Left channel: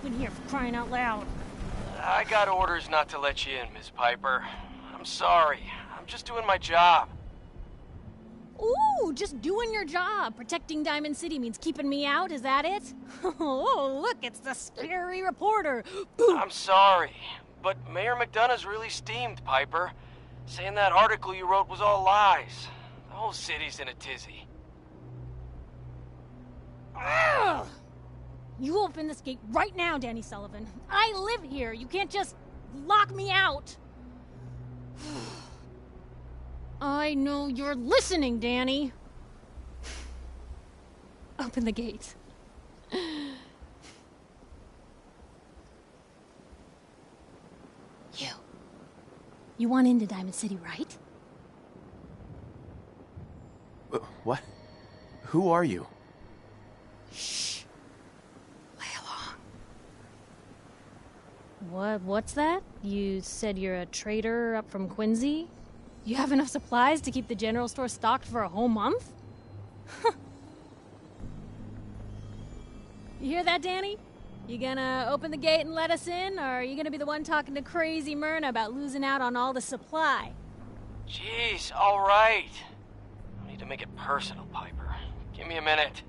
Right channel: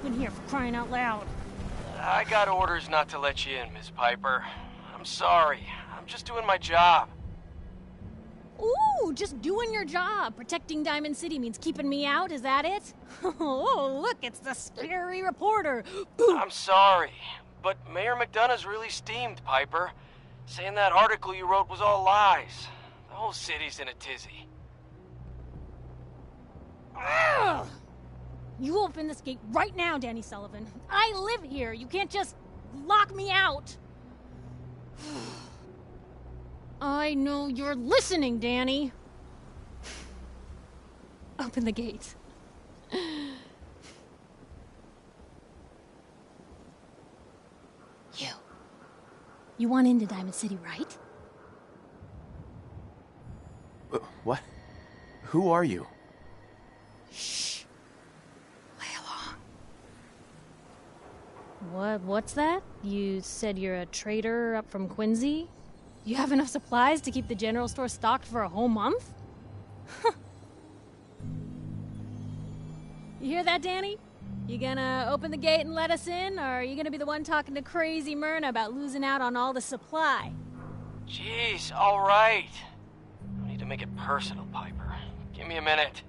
open here, for crying out loud. I got orders not to let you in, Miss Piper. I'm sorry. I'm just doing my job. Ooh, just doing your job. Protecting Diamond City means keeping me out, is that it? Oh, look, it's the scary reporter. Boom. I'm sorry, but Mayor McDonough's really steamed, Piper. Saying that article you wrote was all lies. The whole city's in a tizzy. Ugh. You open this gate right now, Danny Sullivan. I live here. You can't just lock me out. I know you're listening, Danny. Open the gate. You want into Diamond City, right? What? Who are you? Shh. Play along. What's that? You said you're a trader up from Quincy? You have enough supplies to keep the general store stocked for a whole month? You hear that, Danny? You gonna open the gate and let us in, or are you gonna be the one talking to crazy Myrna about losing out on all the supply? Jeez, all right. No need to make it personal, Piper. Give me a minute.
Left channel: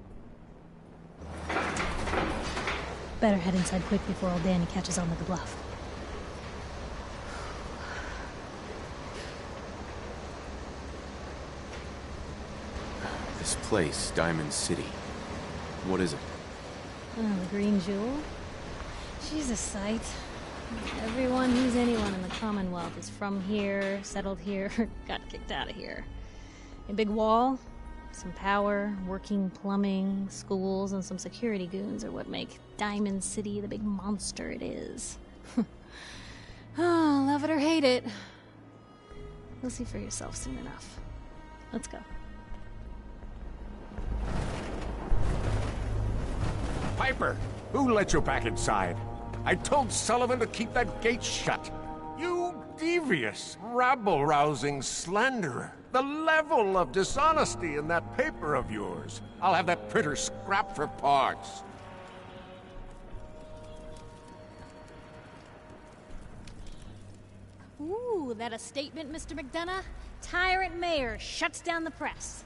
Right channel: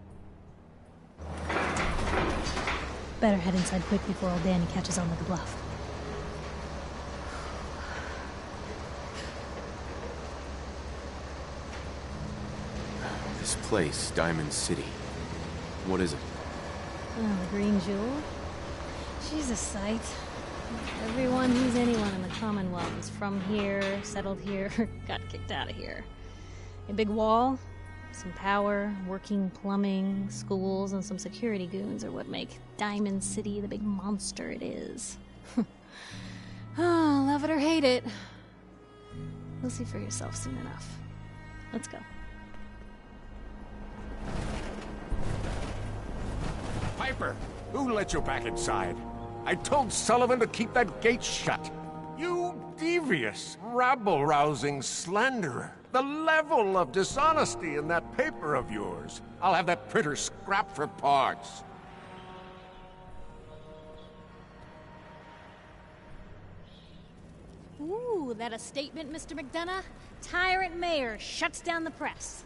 Better head inside quick before old Danny catches on with the bluff. This place, Diamond City. What is it? Oh, the Green Jewel? She's a sight. Everyone who's anyone in the Commonwealth is from here, settled here, got kicked out of here. A big wall, some power, working plumbing, schools, and some security goons are what make Diamond City the big monster it is. Oh, love it or hate it. You'll see for yourself soon enough. Let's go. Piper, who let you back inside? I told Sullivan to keep that gate shut. You devious, rabble-rousing slanderer. The level of dishonesty in that paper of yours. I'll have that printer scrapped for parts. Ooh, that a statement, Mr. McDonough? Tyrant mayor shuts down the press.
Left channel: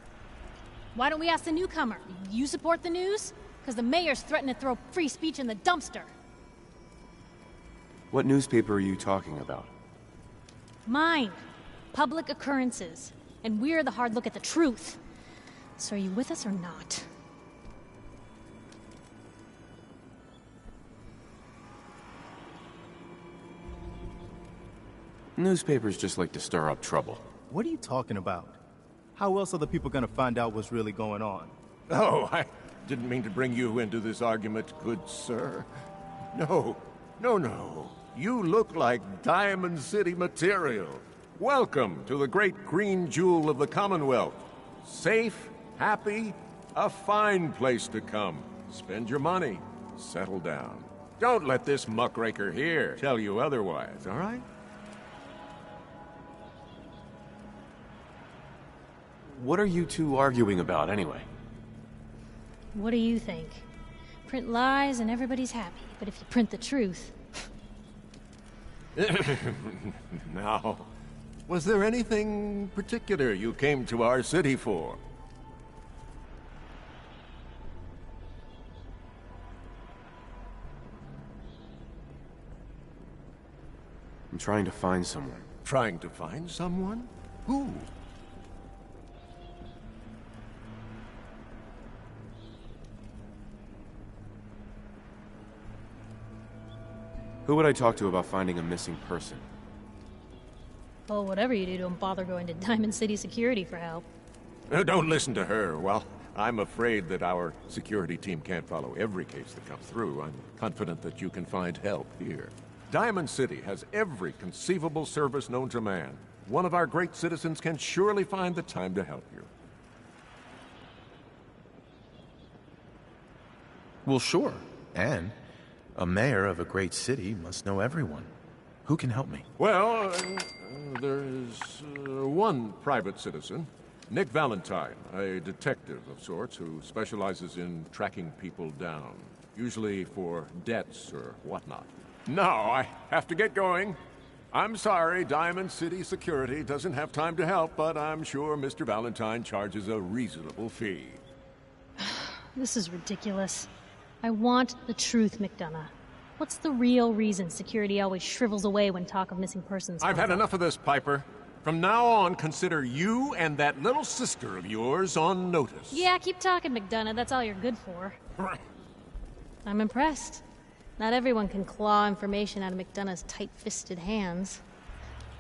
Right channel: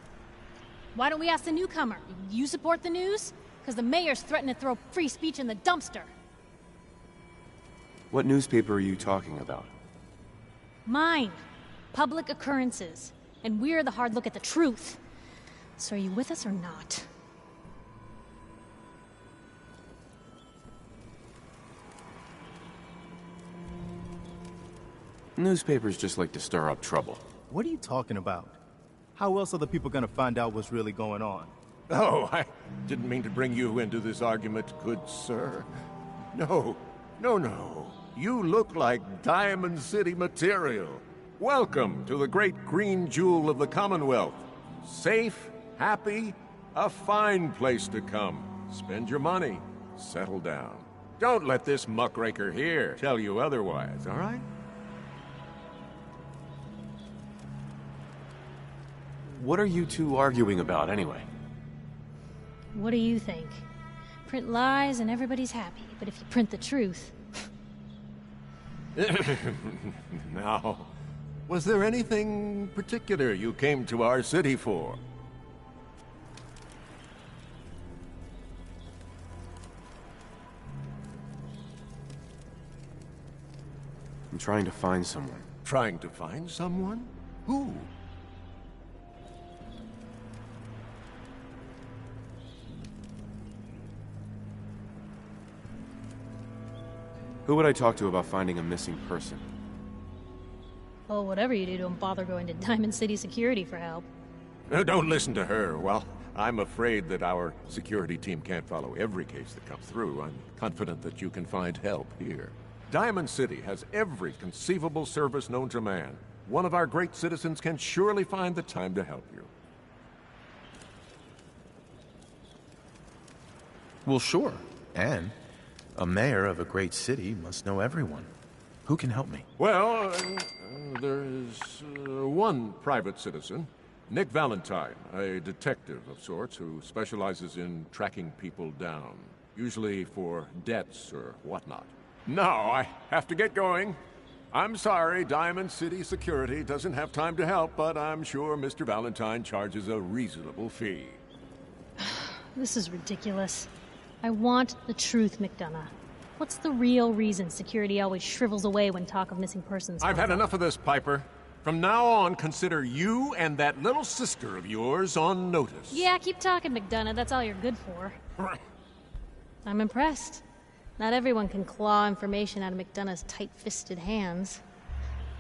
Why don't we ask the newcomer? You support the news? Because the mayor's threatened to throw free speech in the dumpster. What newspaper are you talking about? Mine. Public Occurrences. And we're the hard look at the truth. So are you with us or not? Newspapers just like to stir up trouble. What are you talking about? How else are the people gonna find out what's really going on? Oh, I didn't mean to bring you into this argument, good sir. No. You look like Diamond City material. Welcome to the great green jewel of the Commonwealth. Safe, happy, a fine place to come. Spend your money, settle down. Don't let this muckraker here tell you otherwise, all right? What are you two arguing about, anyway? What do you think? Print lies and everybody's happy, but if you print the truth... Now, was there anything particular you came to our city for? I'm trying to find someone. Trying to find someone? Who? Who would I talk to about finding a missing person? Well, whatever you do, don't bother going to Diamond City Security for help. Don't listen to her. Well, I'm afraid that our security team can't follow every case that comes through. I'm confident that you can find help here. Diamond City has every conceivable service known to man. One of our great citizens can surely find the time to help you. Well, sure. And a mayor of a great city must know everyone. Who can help me? Well, there's one private citizen, Nick Valentine, a detective of sorts who specializes in tracking people down. usually for debts or whatnot. Now I have to get going. I'm sorry, Diamond City Security doesn't have time to help, but I'm sure Mr. Valentine charges a reasonable fee. This is ridiculous. I want the truth, McDonough. What's the real reason security always shrivels away when talk of missing persons I've comes had up? enough of this, Piper. From now on, consider you and that little sister of yours on notice. Yeah, keep talking, McDonough. That's all you're good for. I'm impressed. Not everyone can claw information out of McDonough's tight-fisted hands.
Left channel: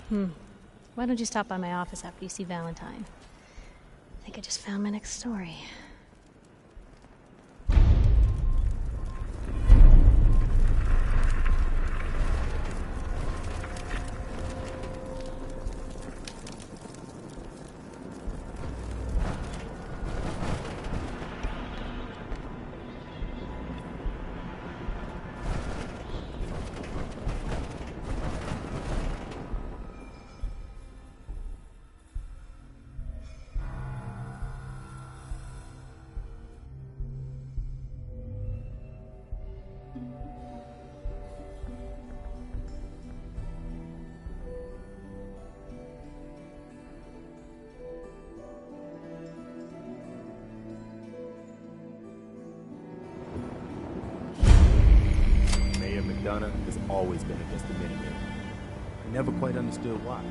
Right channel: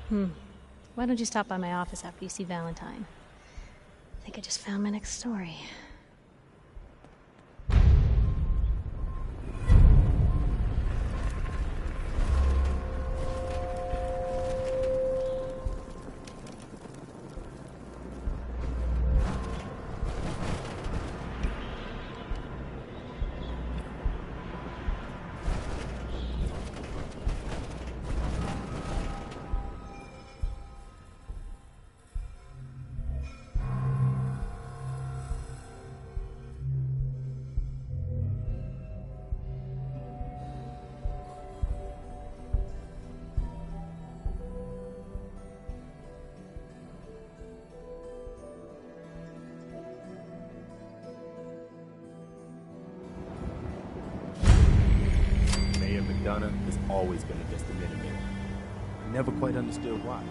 Why don't you stop by my office after you see Valentine? I think I just found my next story. Mayor McDonough has always been against the Minutemen. I never quite understood why.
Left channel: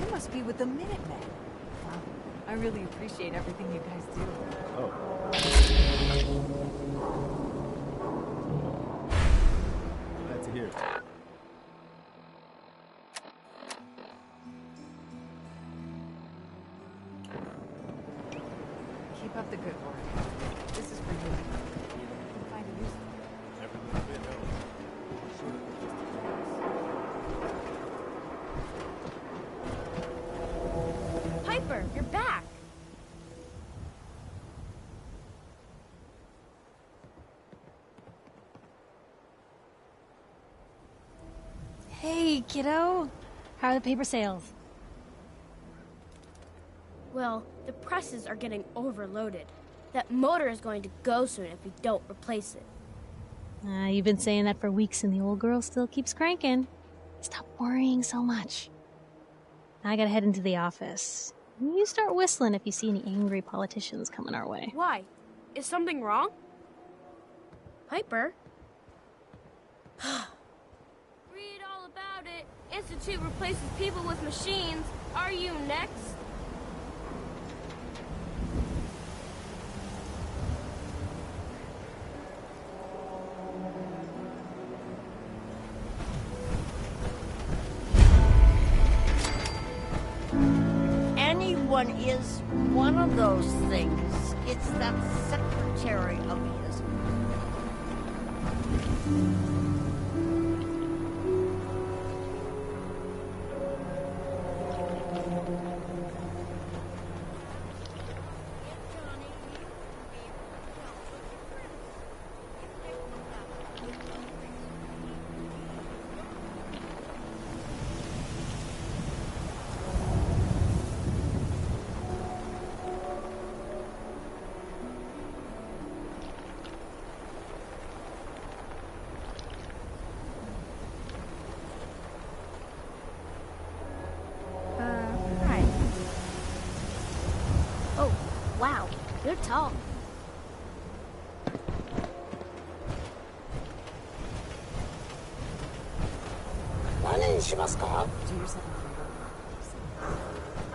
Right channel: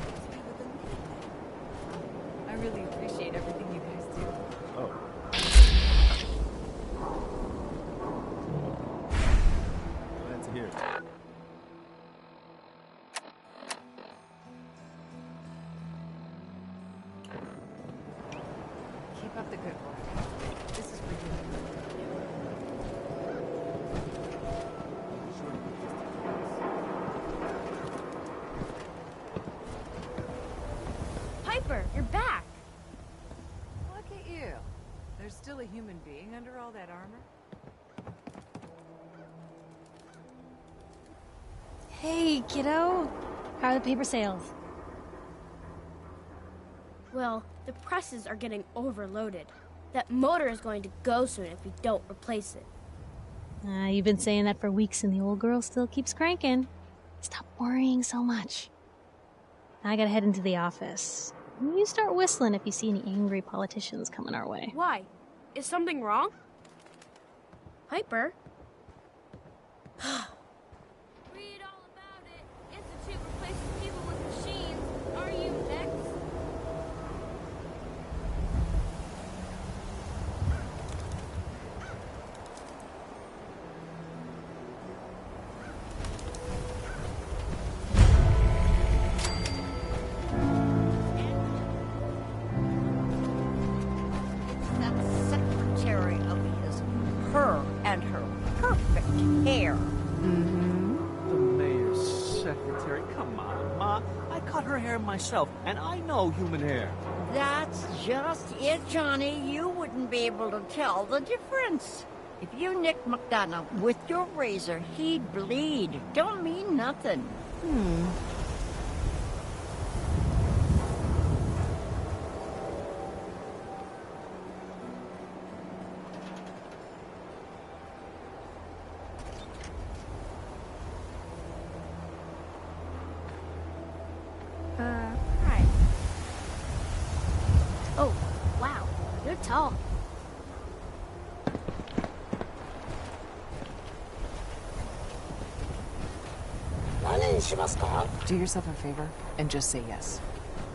You must be with the Minutemen. Wow, I really appreciate everything you guys do. Oh. Glad to hear it. Keep up the good work. This is for you. Sure to put this to use. Piper, you're back! Look at you. There's still a human being under all that armor? Hey, kiddo. How are the paper sales? Well, the presses are getting overloaded. That motor is going to go soon if we don't replace it. You've been saying that for weeks and the old girl still keeps cranking. Stop worrying so much. I gotta head into the office. You start whistling if you see any angry politicians coming our way. Why? Is something wrong? Piper? Read all about it. Institute replaces people with machines. Are you next? Anyone is one of those things. It's that secretary of his, her and her perfect hair. Mayor's secretary, come on, Ma. I cut her hair myself, and I know human hair. That's just it, Johnny. You wouldn't be able to tell the difference. If you nick McDonough with your razor, he'd bleed. Don't mean nothing. Right. Oh, wow. You're tall. Do yourself a favor and just say yes.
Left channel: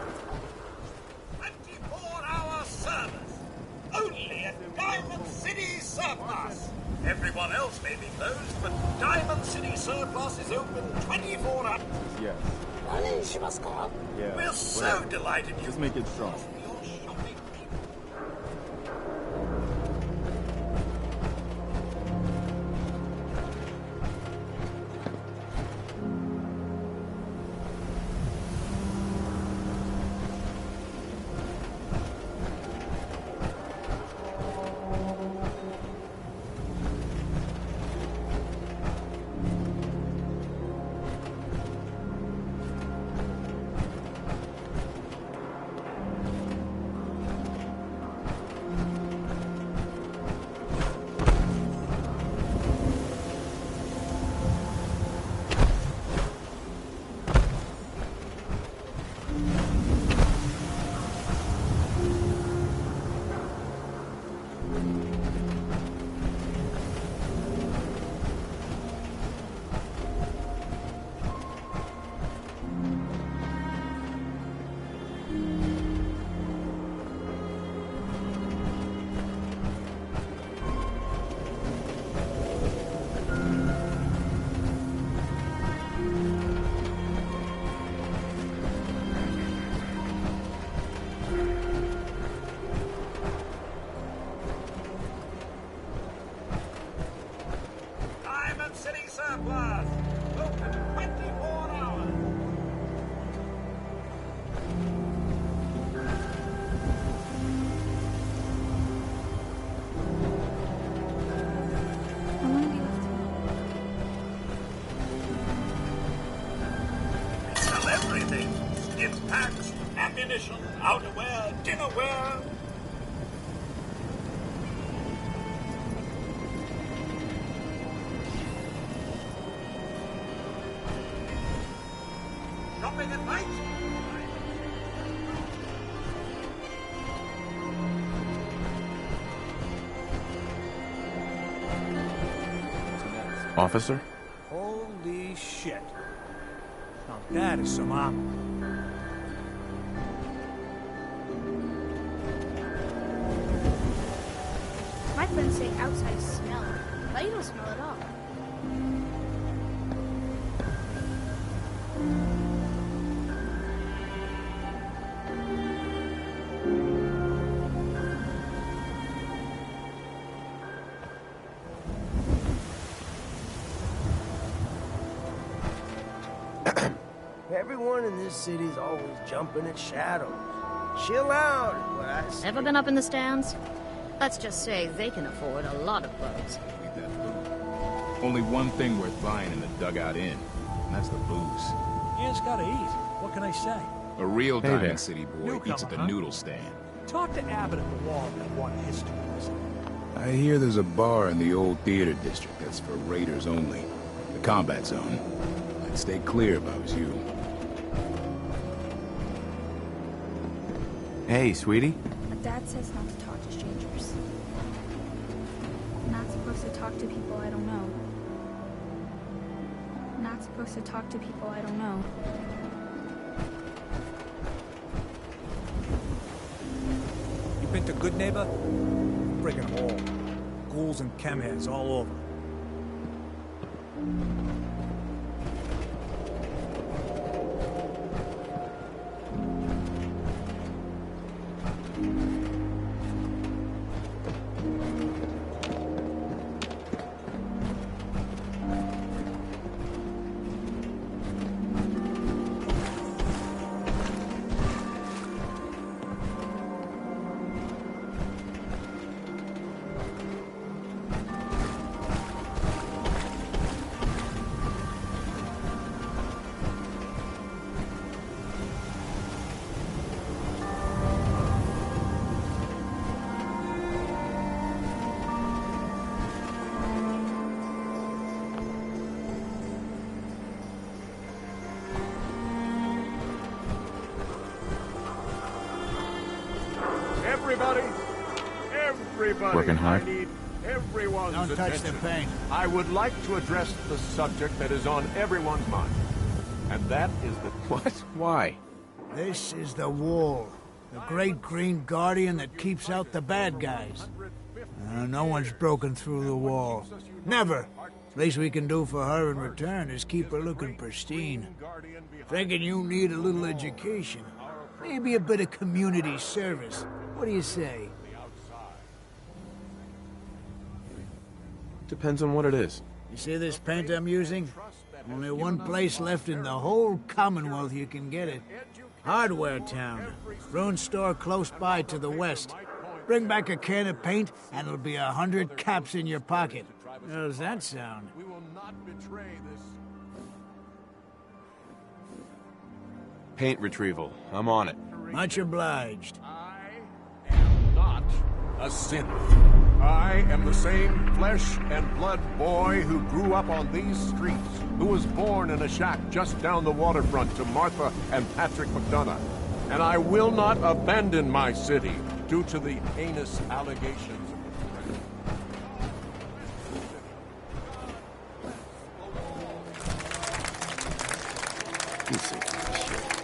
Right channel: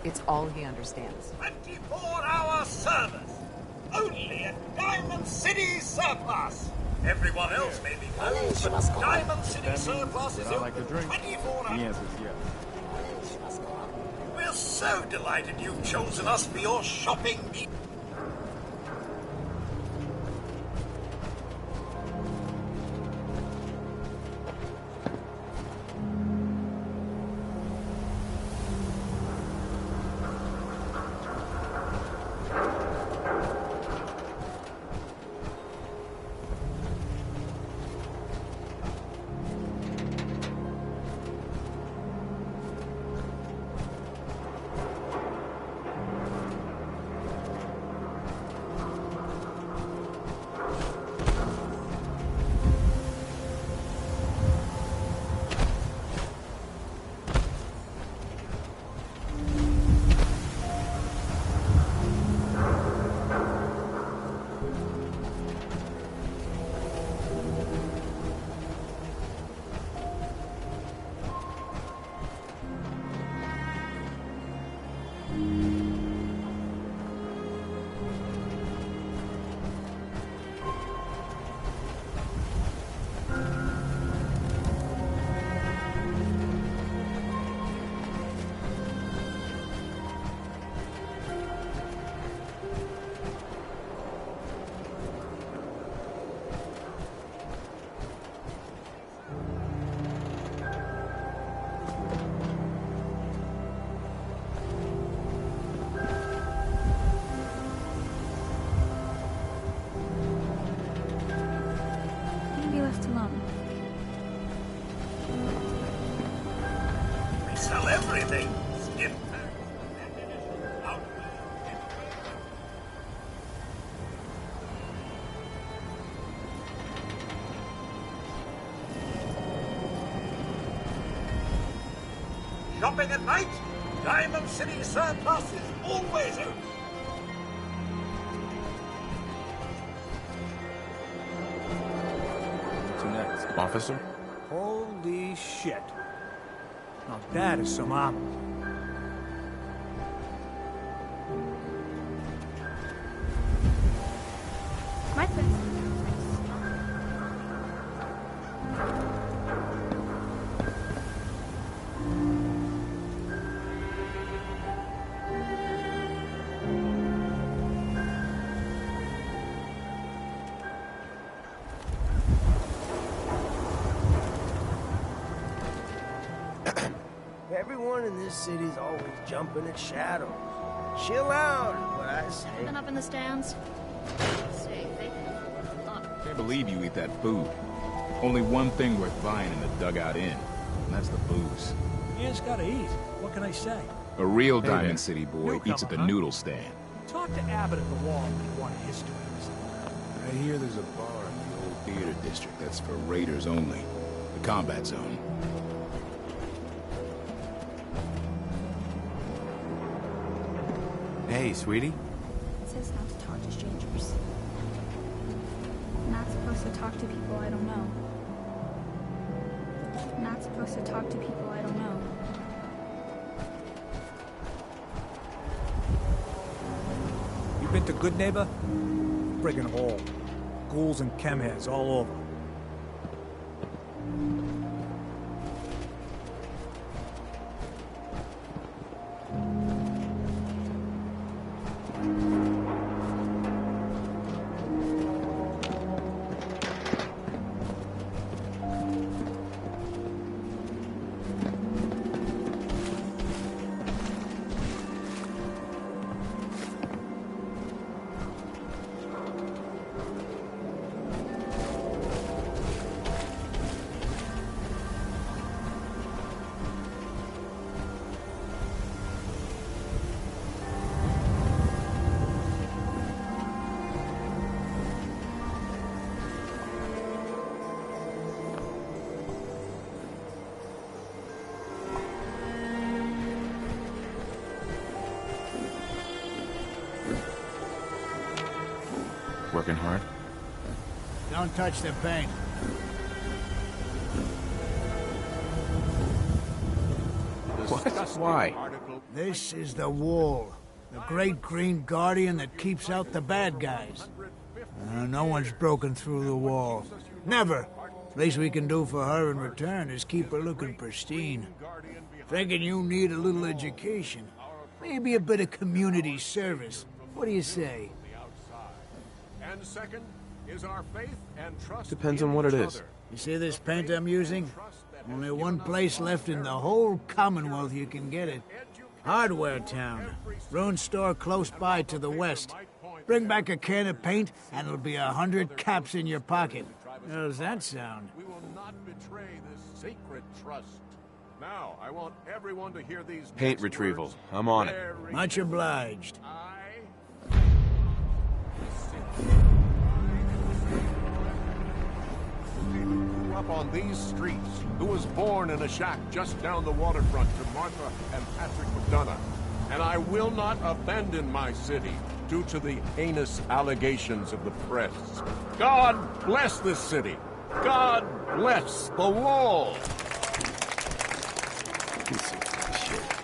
It's all he understands. 24-hour service. Only at Diamond City Surplus. Everyone else may be closed, but Diamond City Surplus is open 24 The hours. answer is yes. Yeah. We're so delighted you've chosen us for your shopping needs. Diamond City surplus. Open 24 hours. I want to be left alone. We sell everything. Stim packs, ammunition, outerwear, dinnerware. Shopping at night? Diamond City surplus is always open. Officer? Holy shit. Now that is some armor. My friends say outside smell. But you don't smell it all. Everyone in this city's always jumping at shadows. Chill out is what I say. Ever been up in the stands? Let's just say they can afford a lot of I clothes. believe you eat that food. Only one thing worth buying in the Dugout Inn, and that's the booze. You just gotta eat. What can I say? A real Hey there. Diamond City boy eats at the Newcomer, huh? noodle stand. Talk to Abbott at the wall if you want a history lesson. I hear there's a bar in the old theater district that's for raiders only. The combat zone. I'd stay clear if I was you. Hey, sweetie. Dad says not to talk to strangers. I'm not supposed to talk to people I don't know. I'm not supposed to talk to people I don't know. You been to Good Neighbor? Friggin' hole. Ghouls and chemheads all over. Everybody, Working hard? I need everyone's Don't touch the attention. paint. I would like to address the subject that is on everyone's mind. And that is the What? disgusting Why? article. This is the wall. The great green guardian that keeps out the bad guys. No one's broken through the wall. Never. Least we can do for her in return is keep her looking pristine. Thinking you need a little education. Maybe a bit of community service. What do you say? And second is our faith and trust. Depends on what it is. You see this paint I'm using? Only one place left in the whole Commonwealth you can get it. Hardware Town. Ruin store close by to the west. Bring back a can of paint and it'll be 100 caps in your pocket. How does that sound? We will not betray this sacred trust. Now, I want everyone to hear these. Paint retrieval. I'm on it. Much obliged. I am not a sinner. I am the same flesh and blood boy who grew up on these streets, who was born in a shack just down the waterfront to Martha and Patrick McDonough. And I will not abandon my city due to the heinous allegations of the press. God bless this city. God bless the wall. Piece of shit.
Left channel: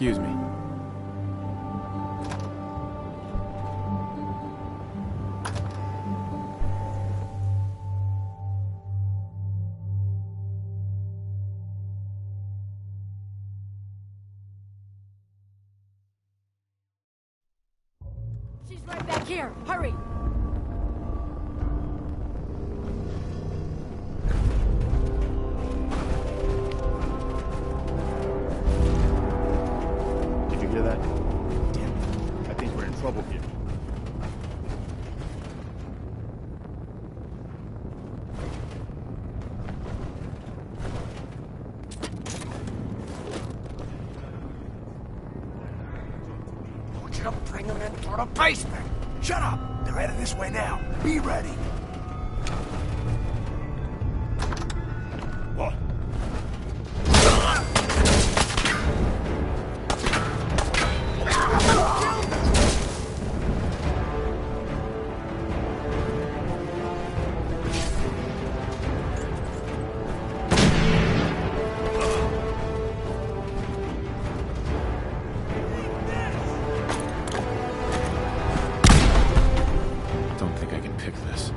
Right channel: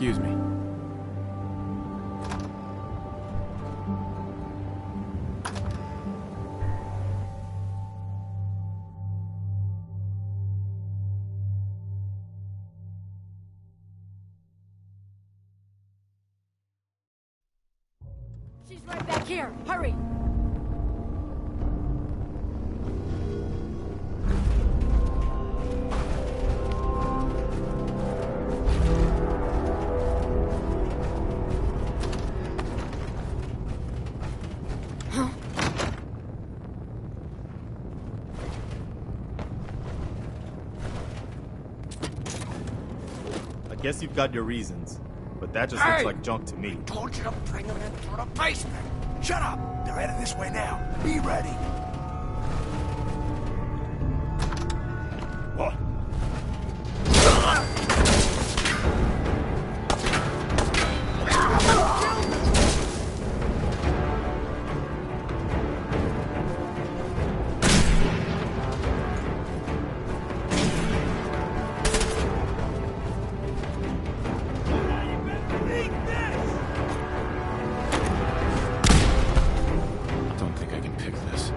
Excuse me. She's right back here. Hurry! Did you hear that? I think we're in trouble here. I guess you've got your reasons, but that just looks like junk to me. Told you to bring them into the basement. Shut up! They're headed this way now. Be ready. What? Don't think I can pick this.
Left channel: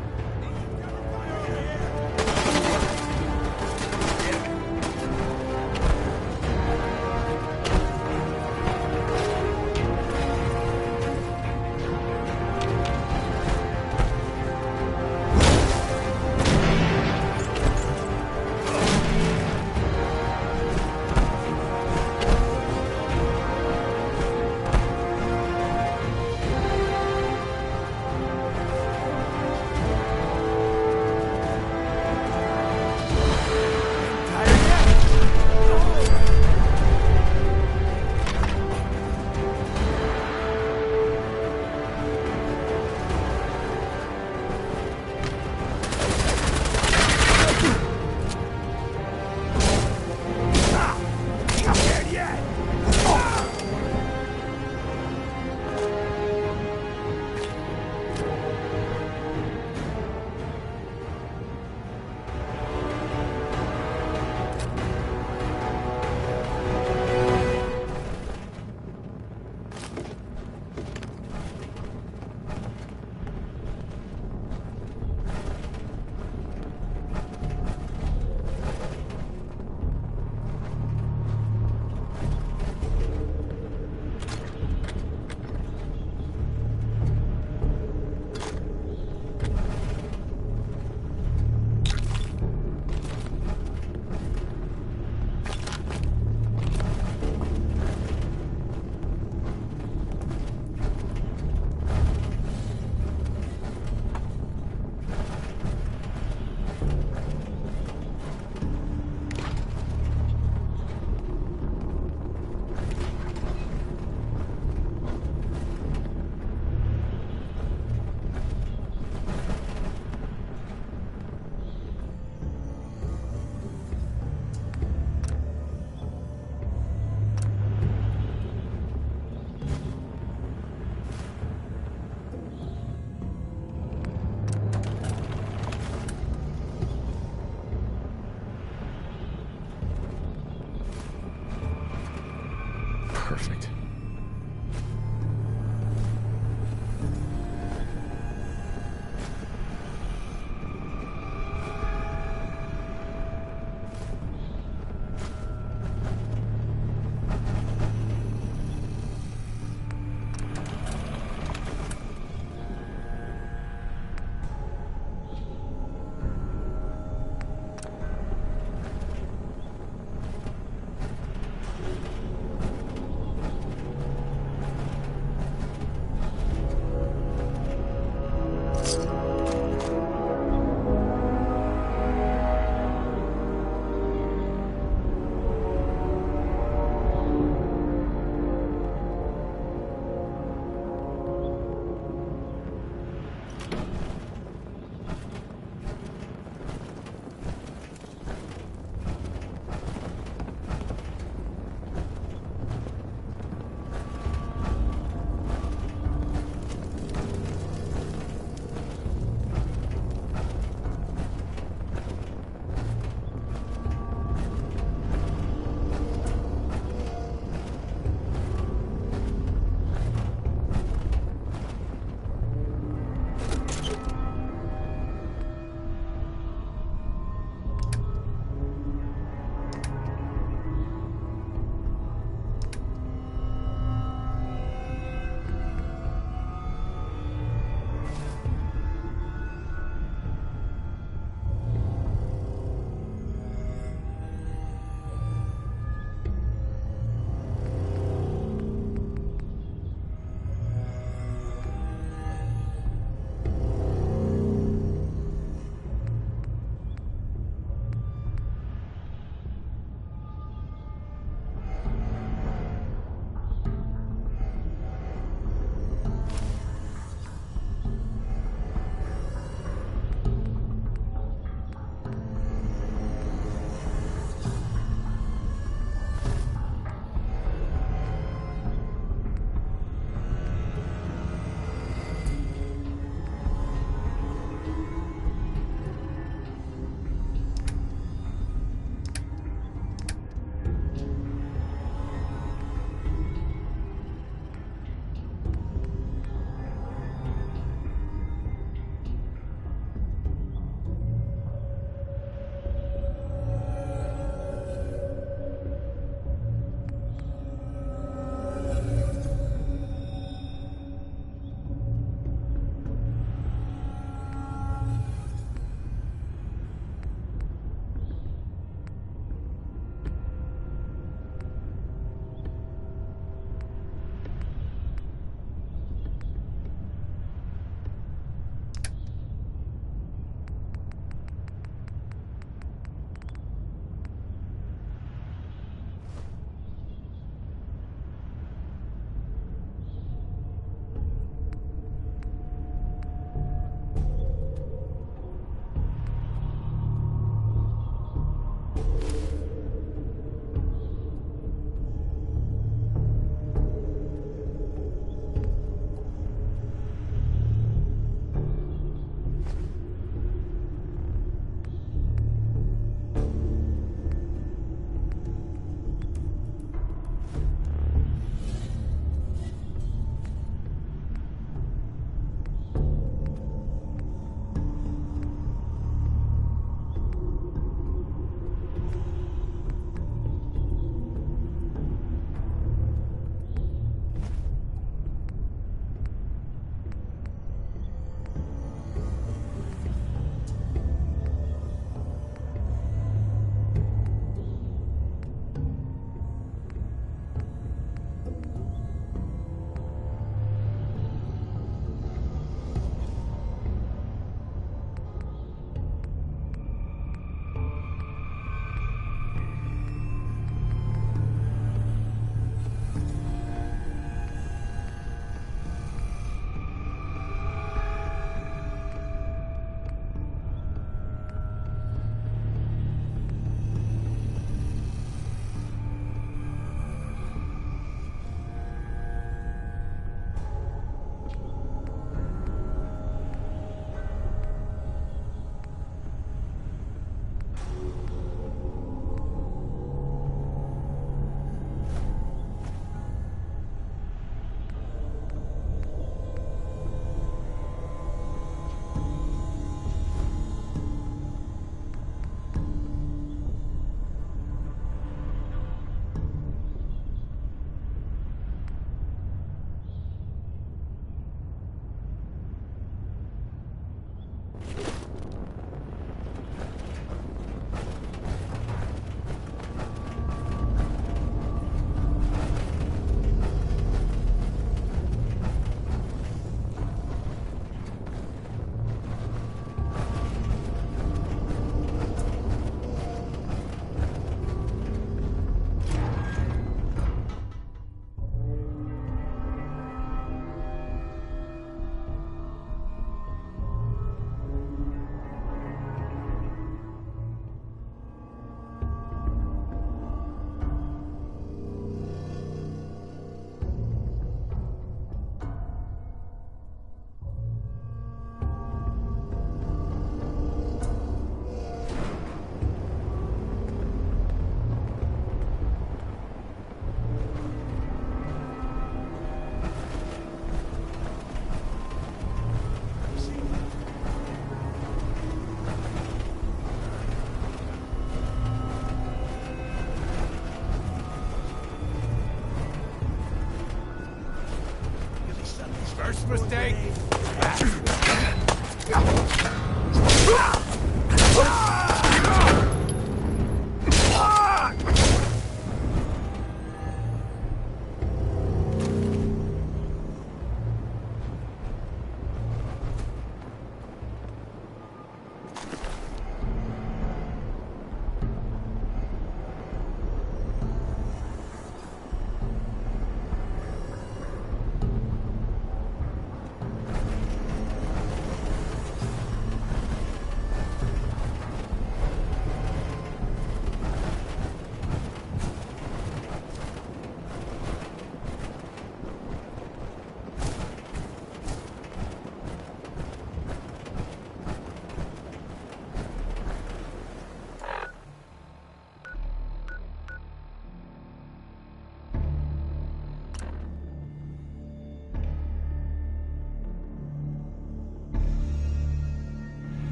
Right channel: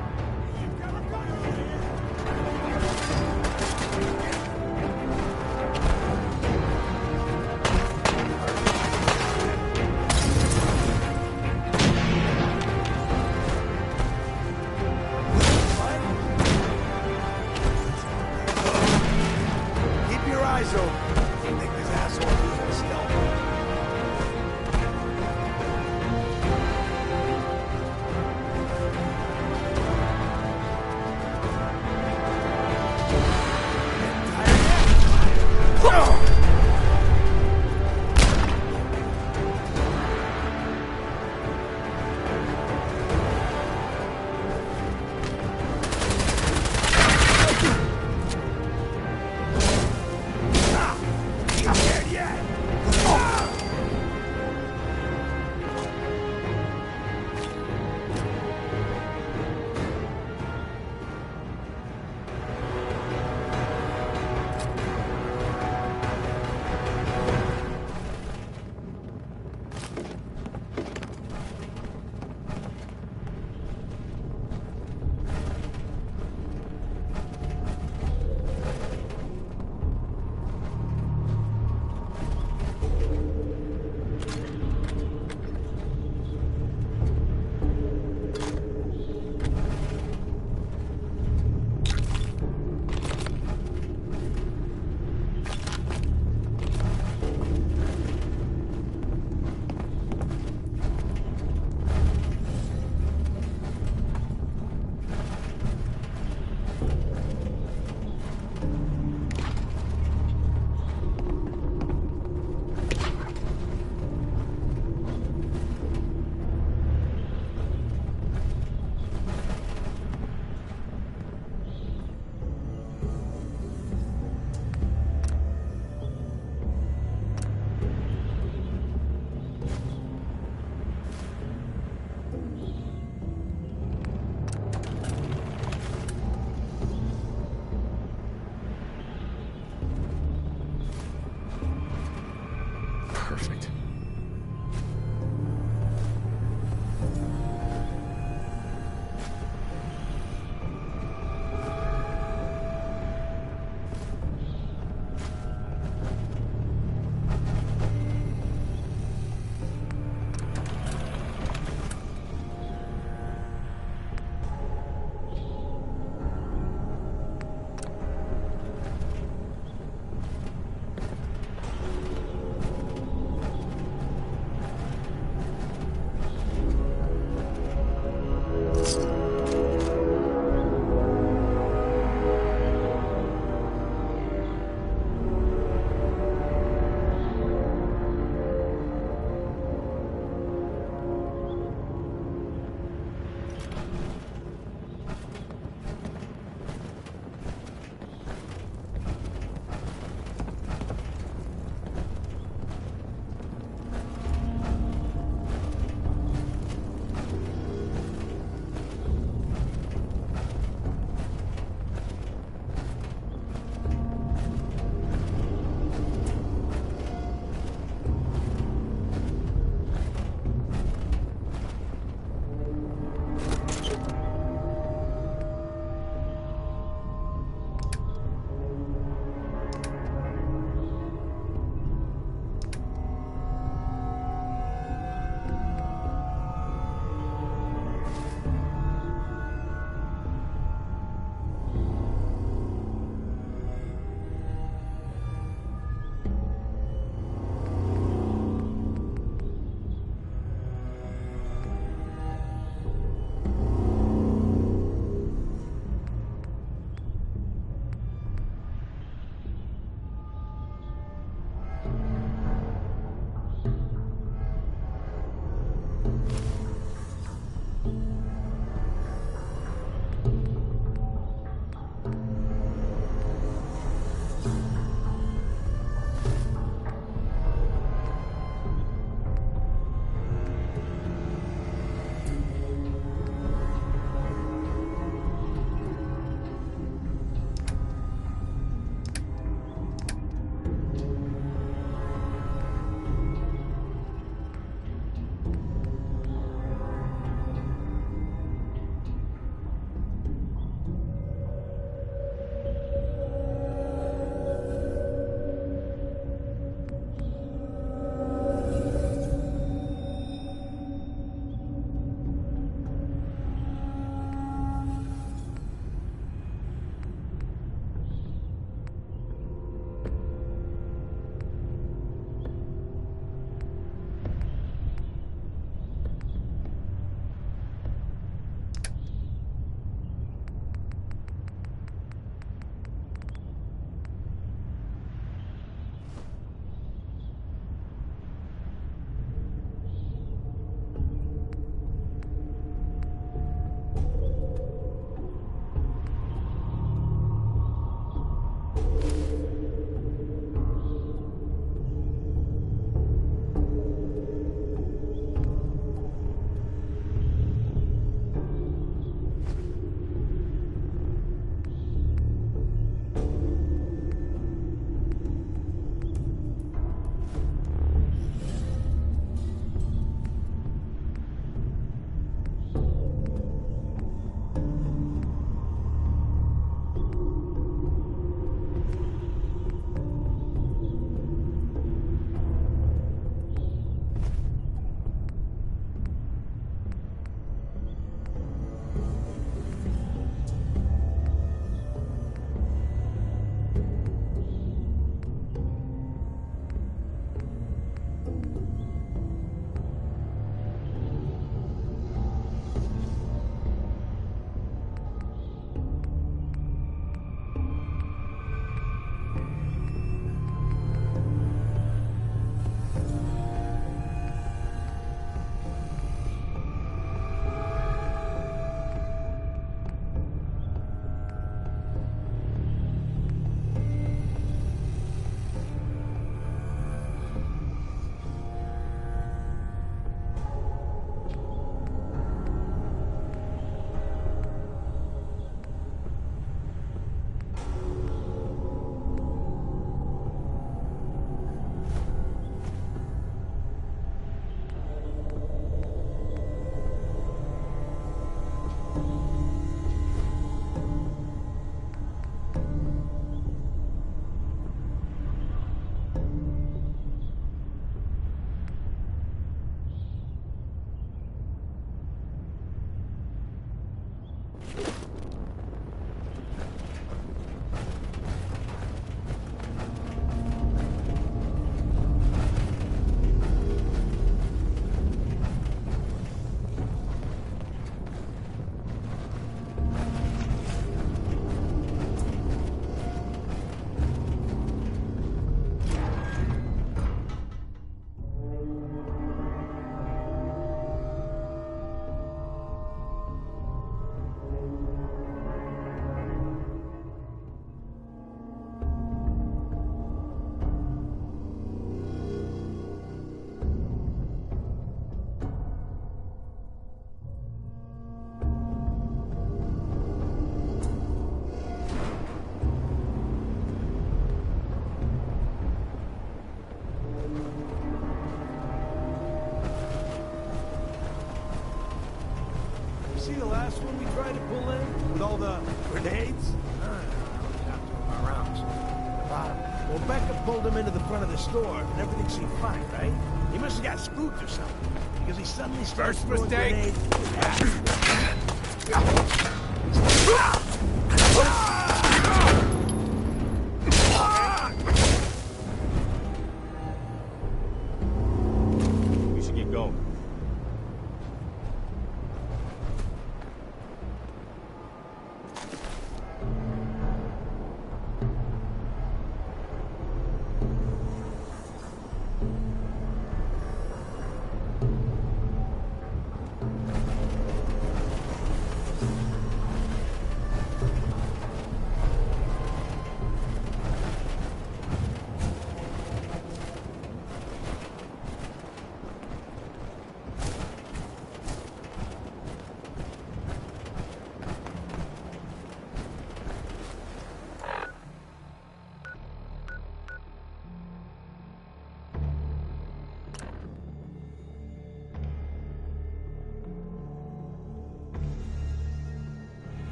Perfect. followed him into the front of the store, and everything seemed fine, right? He must have got spooked or something, because he suddenly started First throwing mistake. We should get going.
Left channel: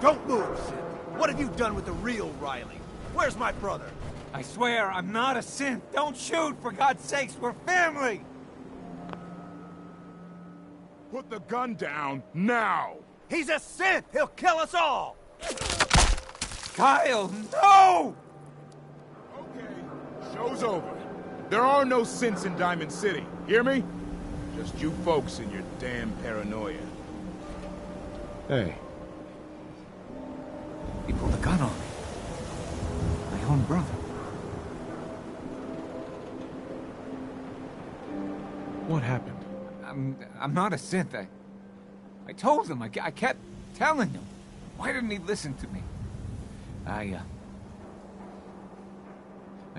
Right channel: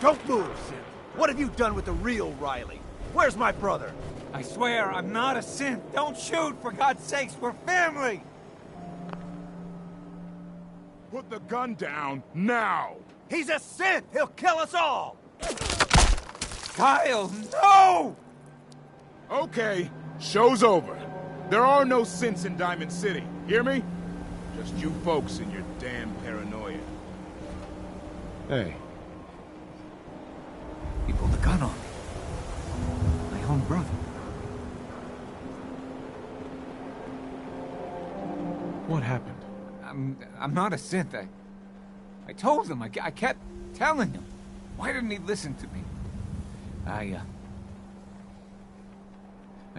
Don't move, Sid. What have you done with the real Riley? Where's my brother? I swear, I'm not a synth. Don't shoot, for God's sakes, we're family! Put the gun down, now! He's a synth! He'll kill us all! Kyle, no! Okay, show's over. There are no synths in Diamond City, hear me? Just you folks and your damn paranoia. Hey. He pulled a gun on me. My own brother. What happened? I'm not a synth. I told him. I kept telling him. Why didn't he listen to me? I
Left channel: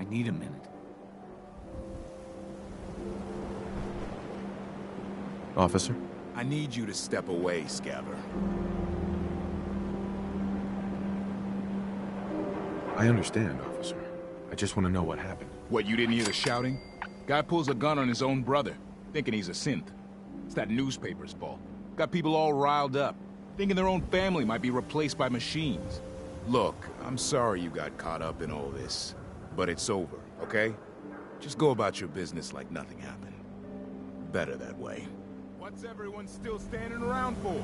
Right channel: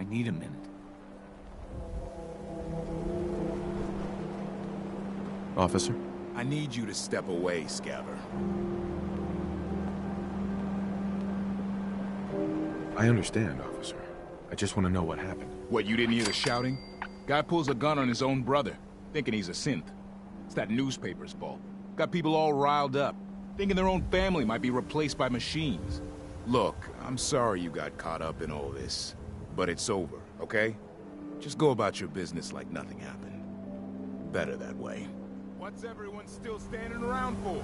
need a minute. Officer? I need you to step away, Scaver. I understand, officer. I just want to know what happened. What, you didn't hear the shouting? Guy pulls a gun on his own brother, thinking he's a synth. It's that newspaper's fault. Got people all riled up, thinking their own family might be replaced by machines. Look, I'm sorry you got caught up in all this, but it's over, okay? Just go about your business like nothing happened. Better that way. What's everyone still standing around for?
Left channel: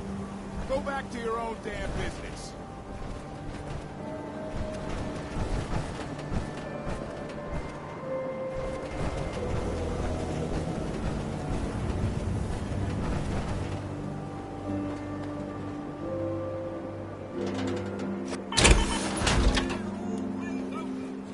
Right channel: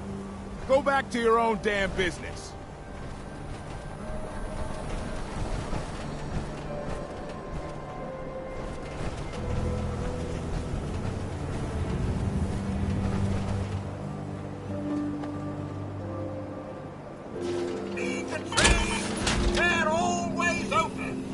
Go back to your own damn business. They're always open.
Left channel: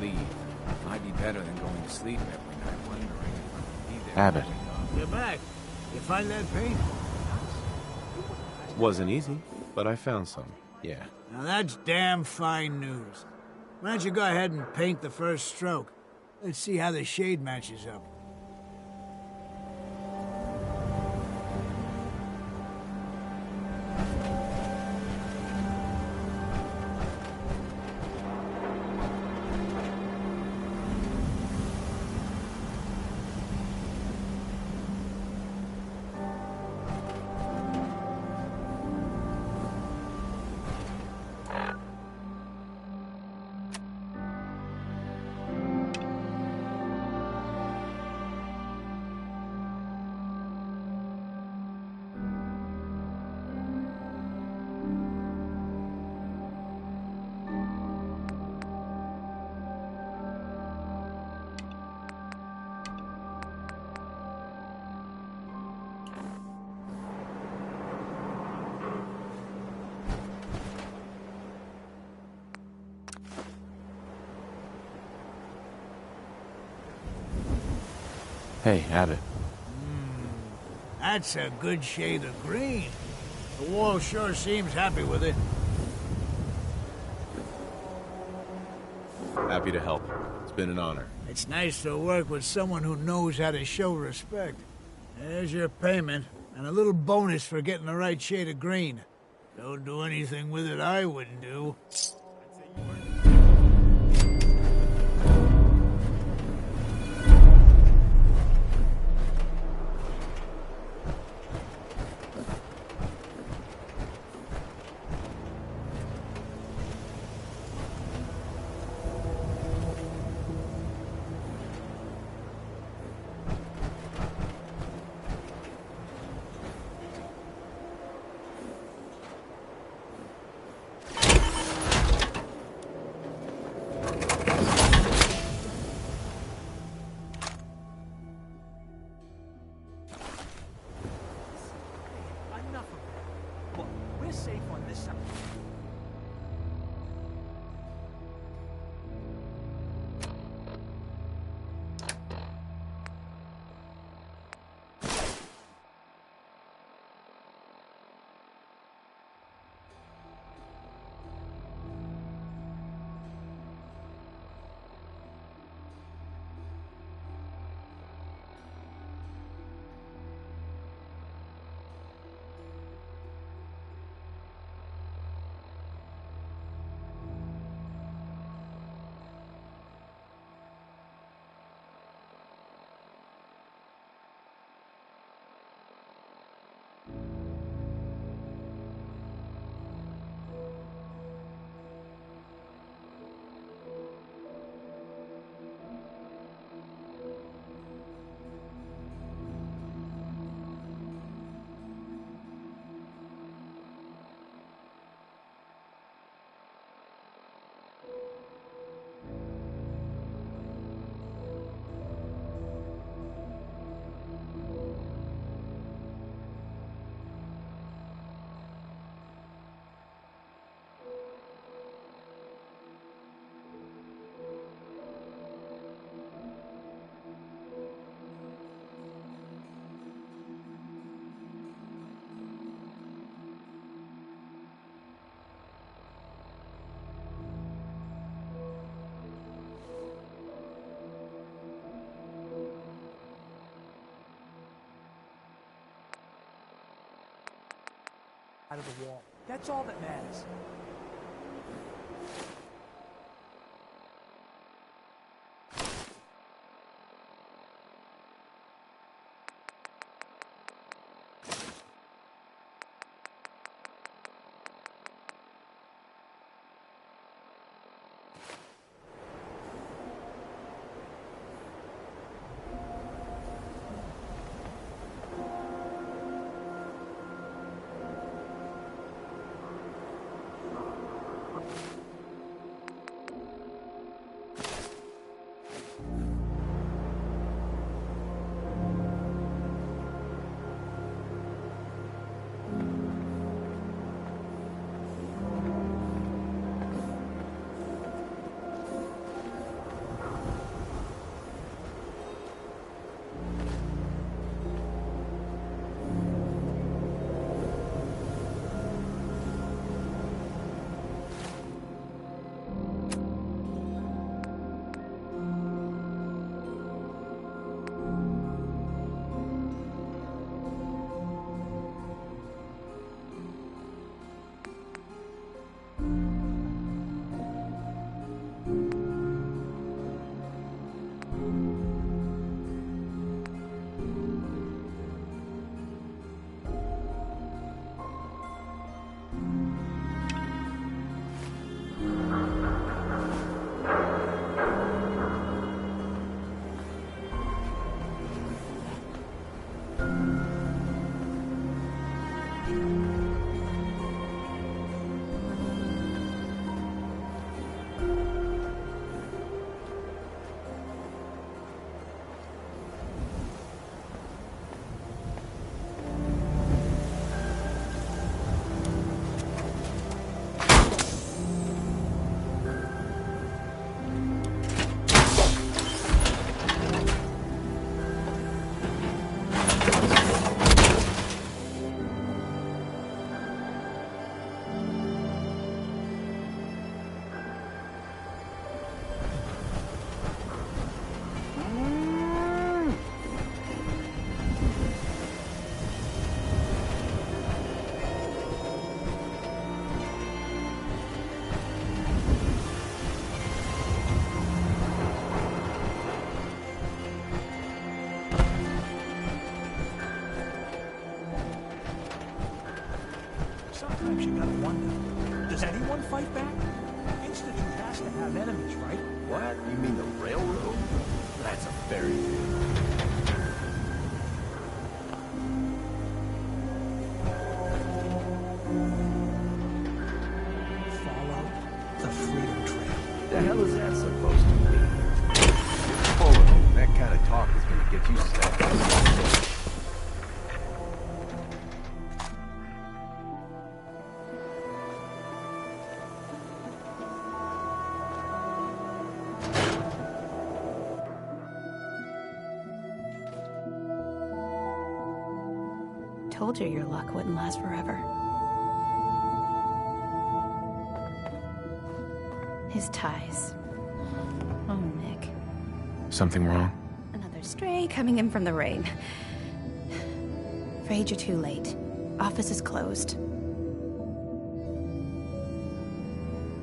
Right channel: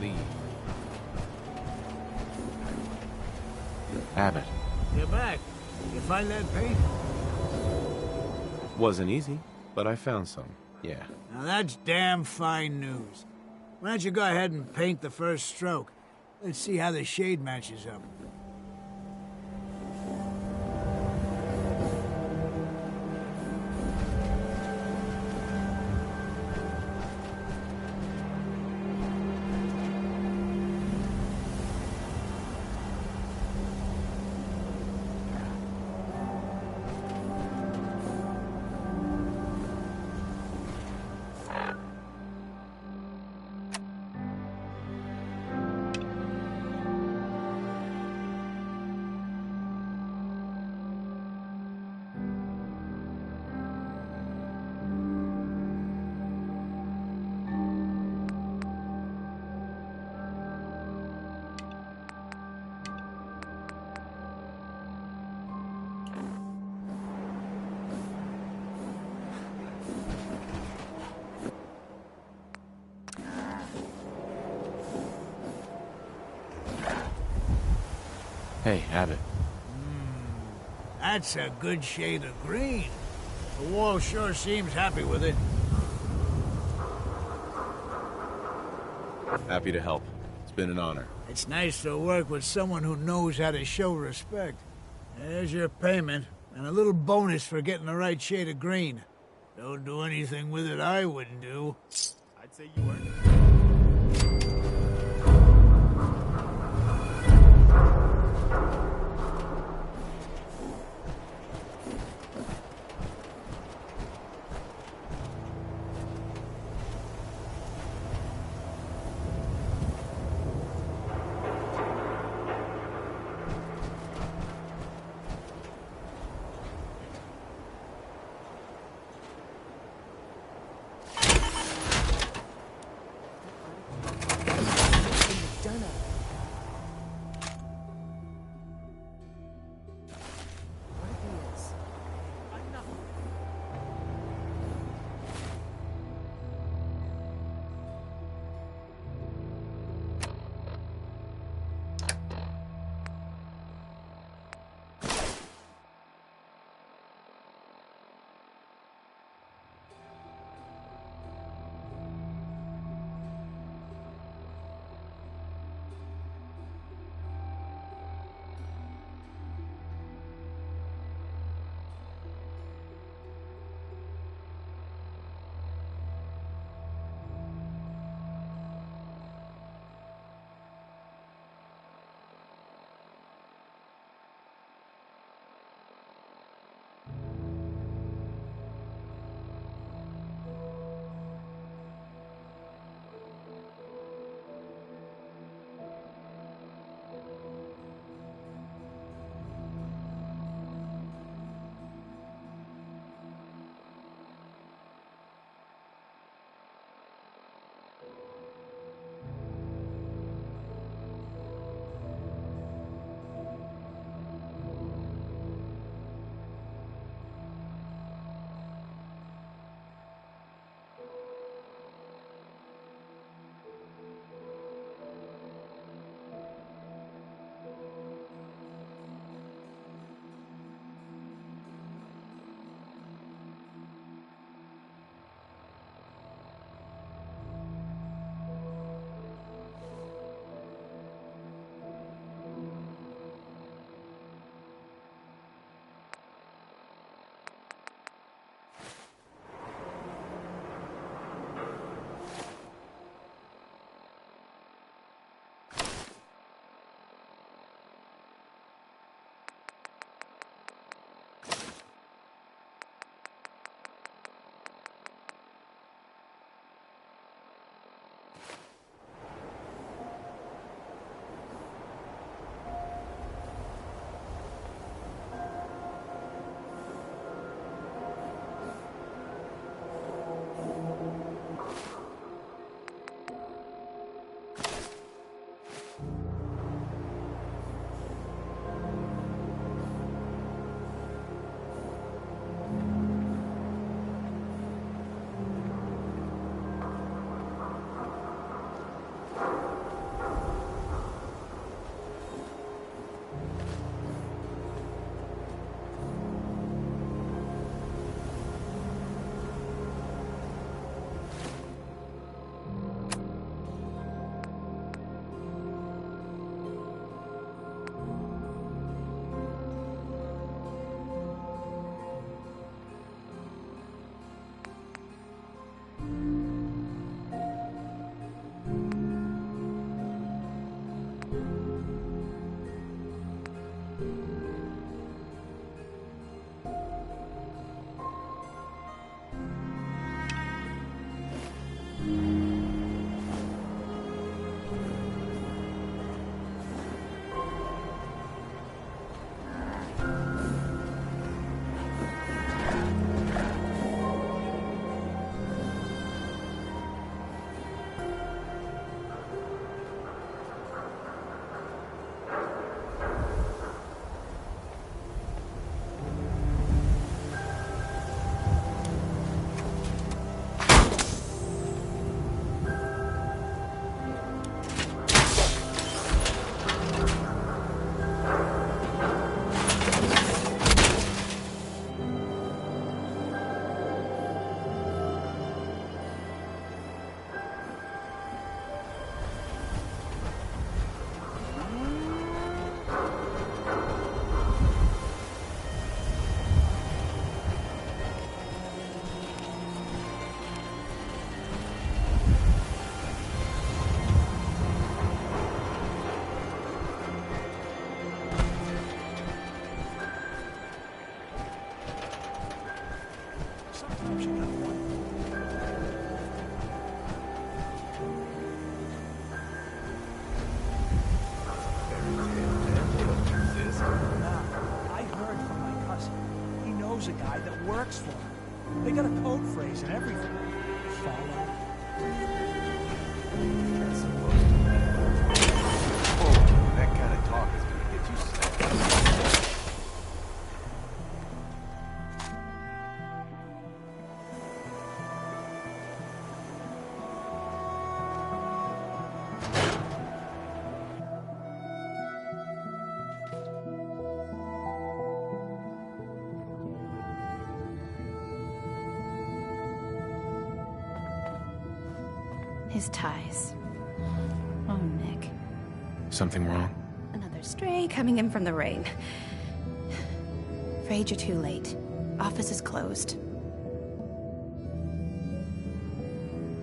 Leave. Might be better than going to sleep every night wondering if Abbott. You're back. You find that paint? Wasn't easy, but I found some, yeah. Now that's damn fine news. Why don't you go ahead and paint the first stroke? Let's see how the shade matches up. Hey, Abbott. That's a good shade of green. The wall sure seems happy with it. Happy to help. It's been an honor. It's nice to work with someone who knows how to show respect. There's your payment, and a little bonus for getting the right shade of green. Don't do anything with it I wouldn't do. I'd say you earned it. Out of the wall. That's all that matters. Very good. I heard from my cousin. He knows a guy that works for him. They got a code phrase and everything. Follow the freedom train. The hell is that supposed to mean? Hold on, that kind of talk is gonna get you stabbed. Told you your luck wouldn't last forever. His ties. Oh, Nick. Something wrong? Another stray coming in from the rain. Afraid you're too late. Office is closed.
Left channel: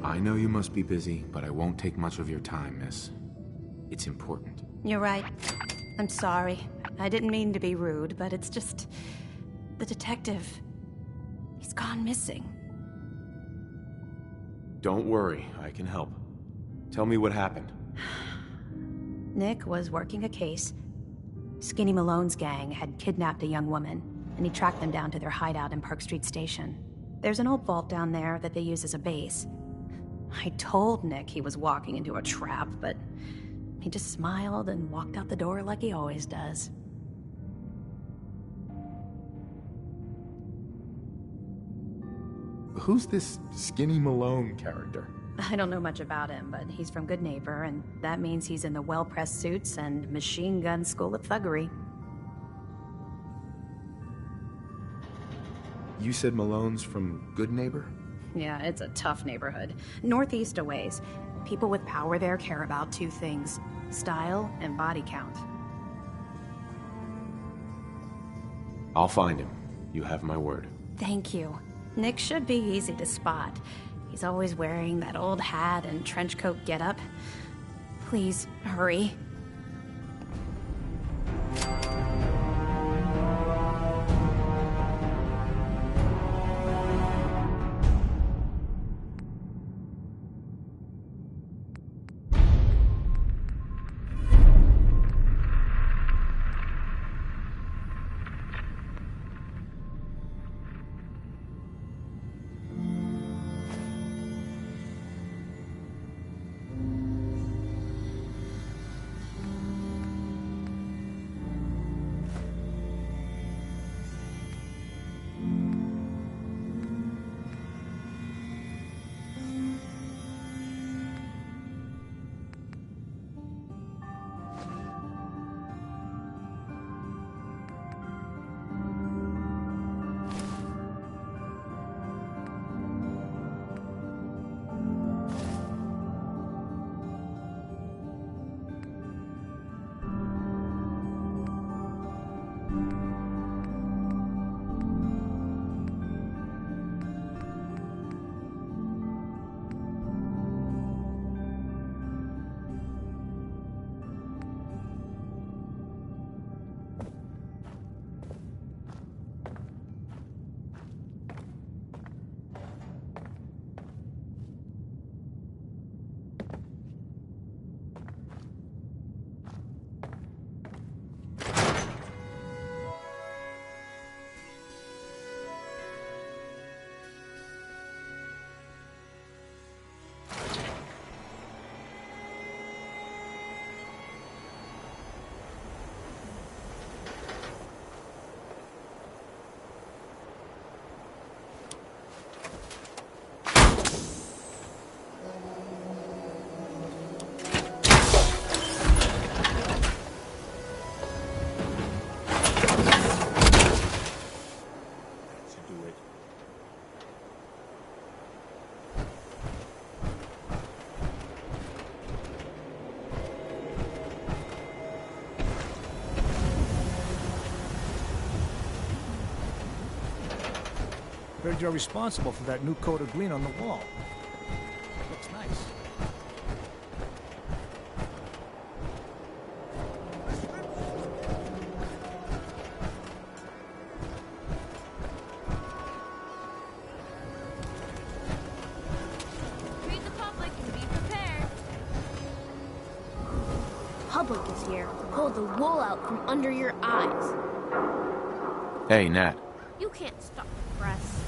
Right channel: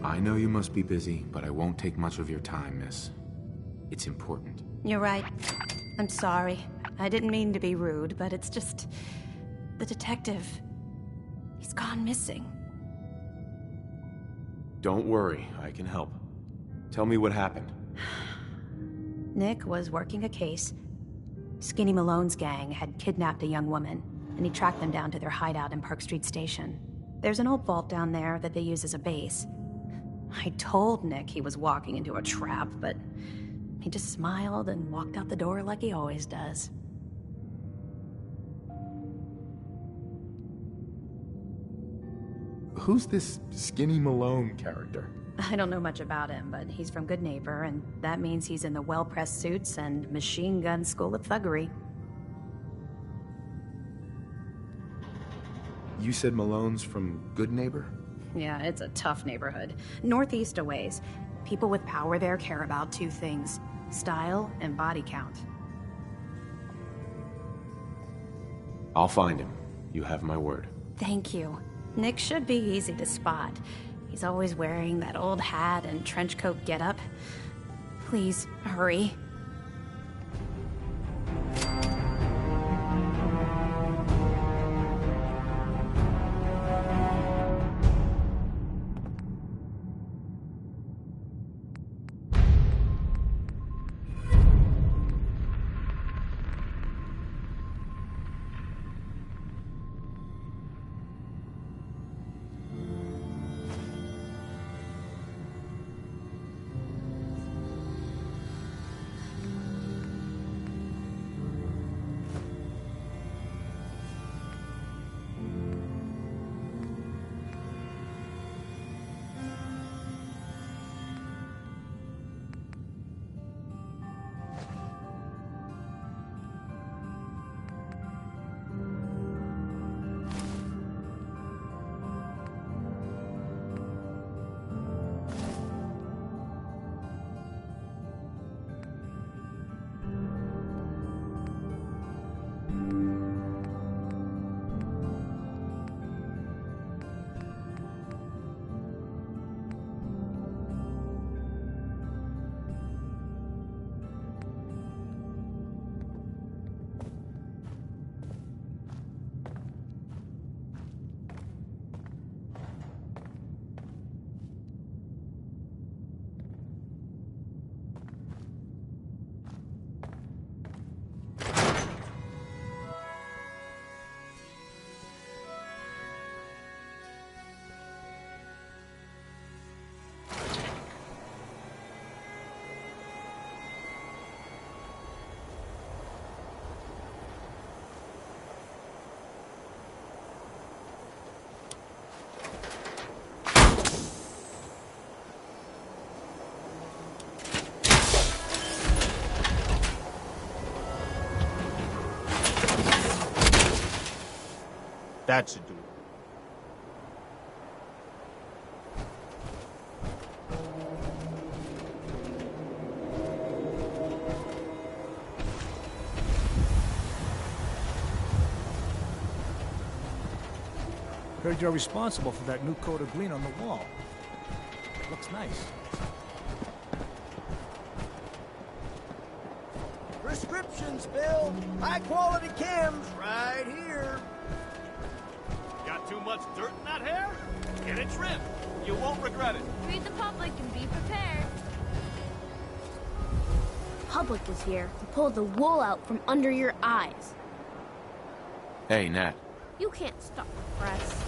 I know you must be busy, but I won't take much of your time, miss. It's important. You're right. I'm sorry. I didn't mean to be rude, but it's just... the detective... he's gone missing. Don't worry, I can help. Tell me what happened. Nick was working a case. Skinny Malone's gang had kidnapped a young woman, and he tracked them down to their hideout in Park Street Station. There's an old vault down there that they use as a base. I told Nick he was walking into a trap, but he just smiled and walked out the door like he always does. Who's this Skinny Malone character? I don't know much about him, but he's from Good Neighbor, and that means he's in the well-pressed suits and machine gun school of thuggery. You said Malone's from Good Neighbor? Yeah, it's a tough neighborhood. Northeast a ways. People with power there care about two things: style and body count. I'll find him. You have my word. Thank you. Nick should be easy to spot. He's always wearing that old hat and trench coat getup. Please, hurry. That should do it. Heard you're responsible for that new coat of green on the wall. Looks nice. Prescriptions, Bill. High-quality chems right here. Got too much dirt in that hair? Get it trimmed. You won't regret it. Read the public and be prepared. I'll public is here to pull the wool out from under your eyes. Hey, Nat. You can't stop the press.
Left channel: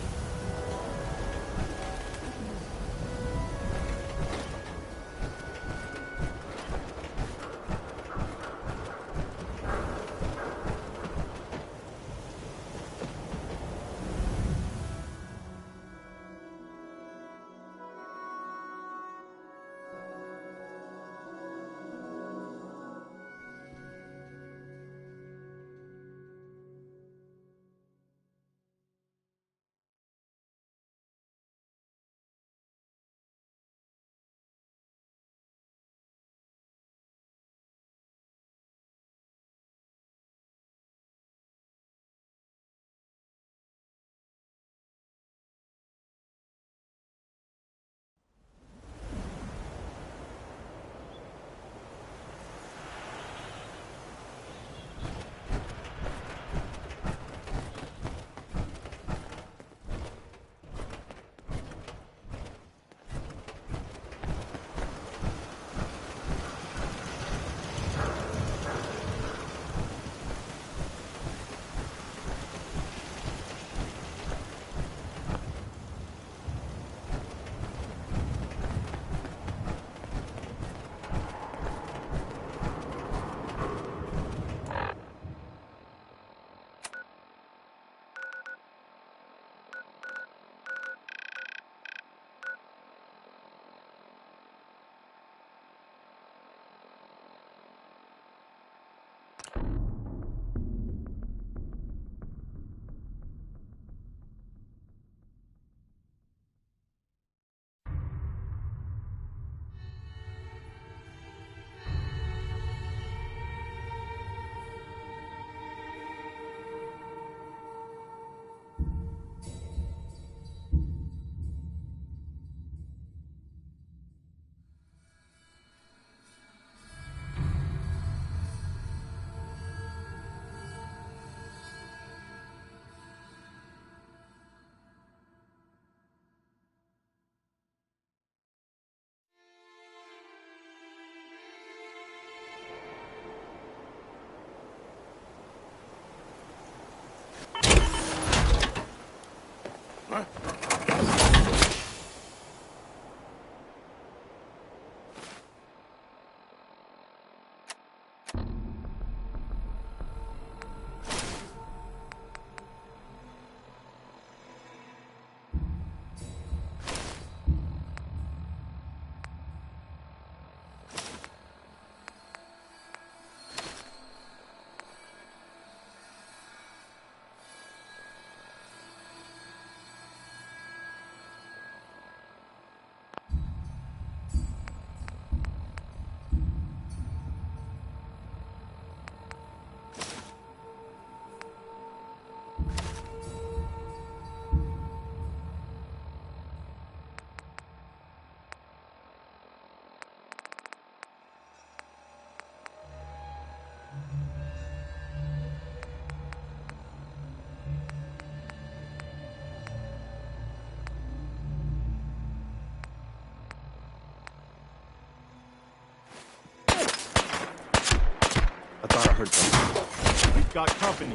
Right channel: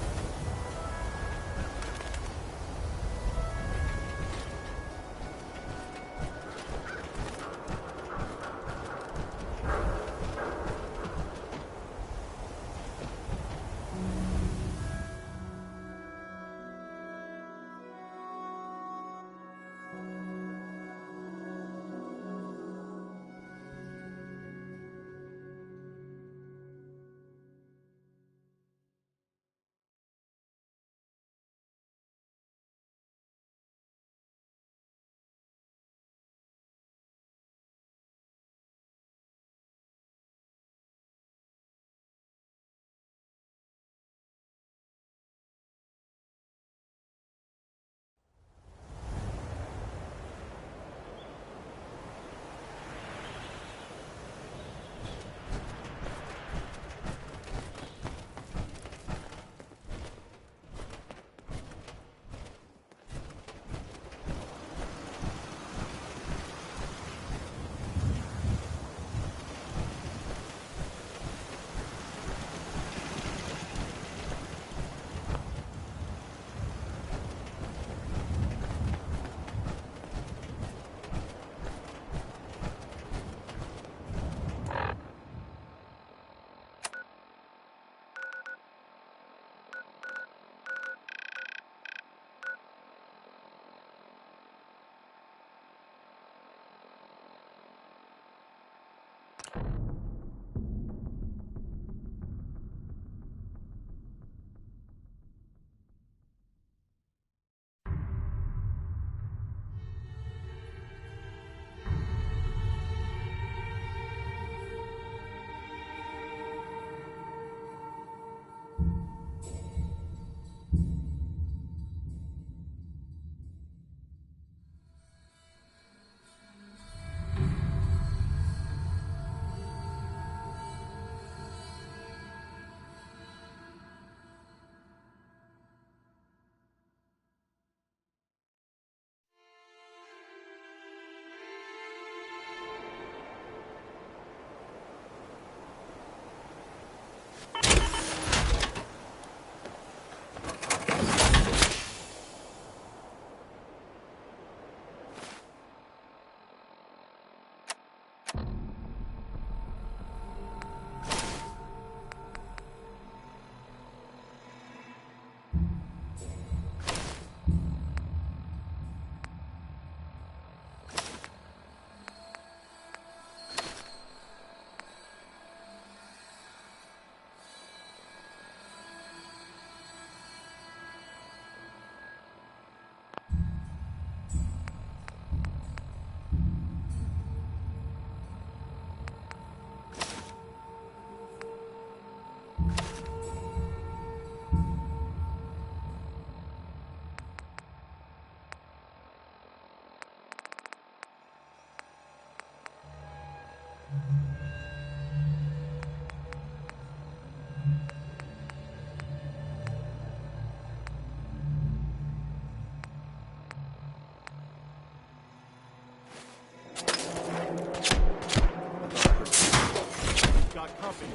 We've got company.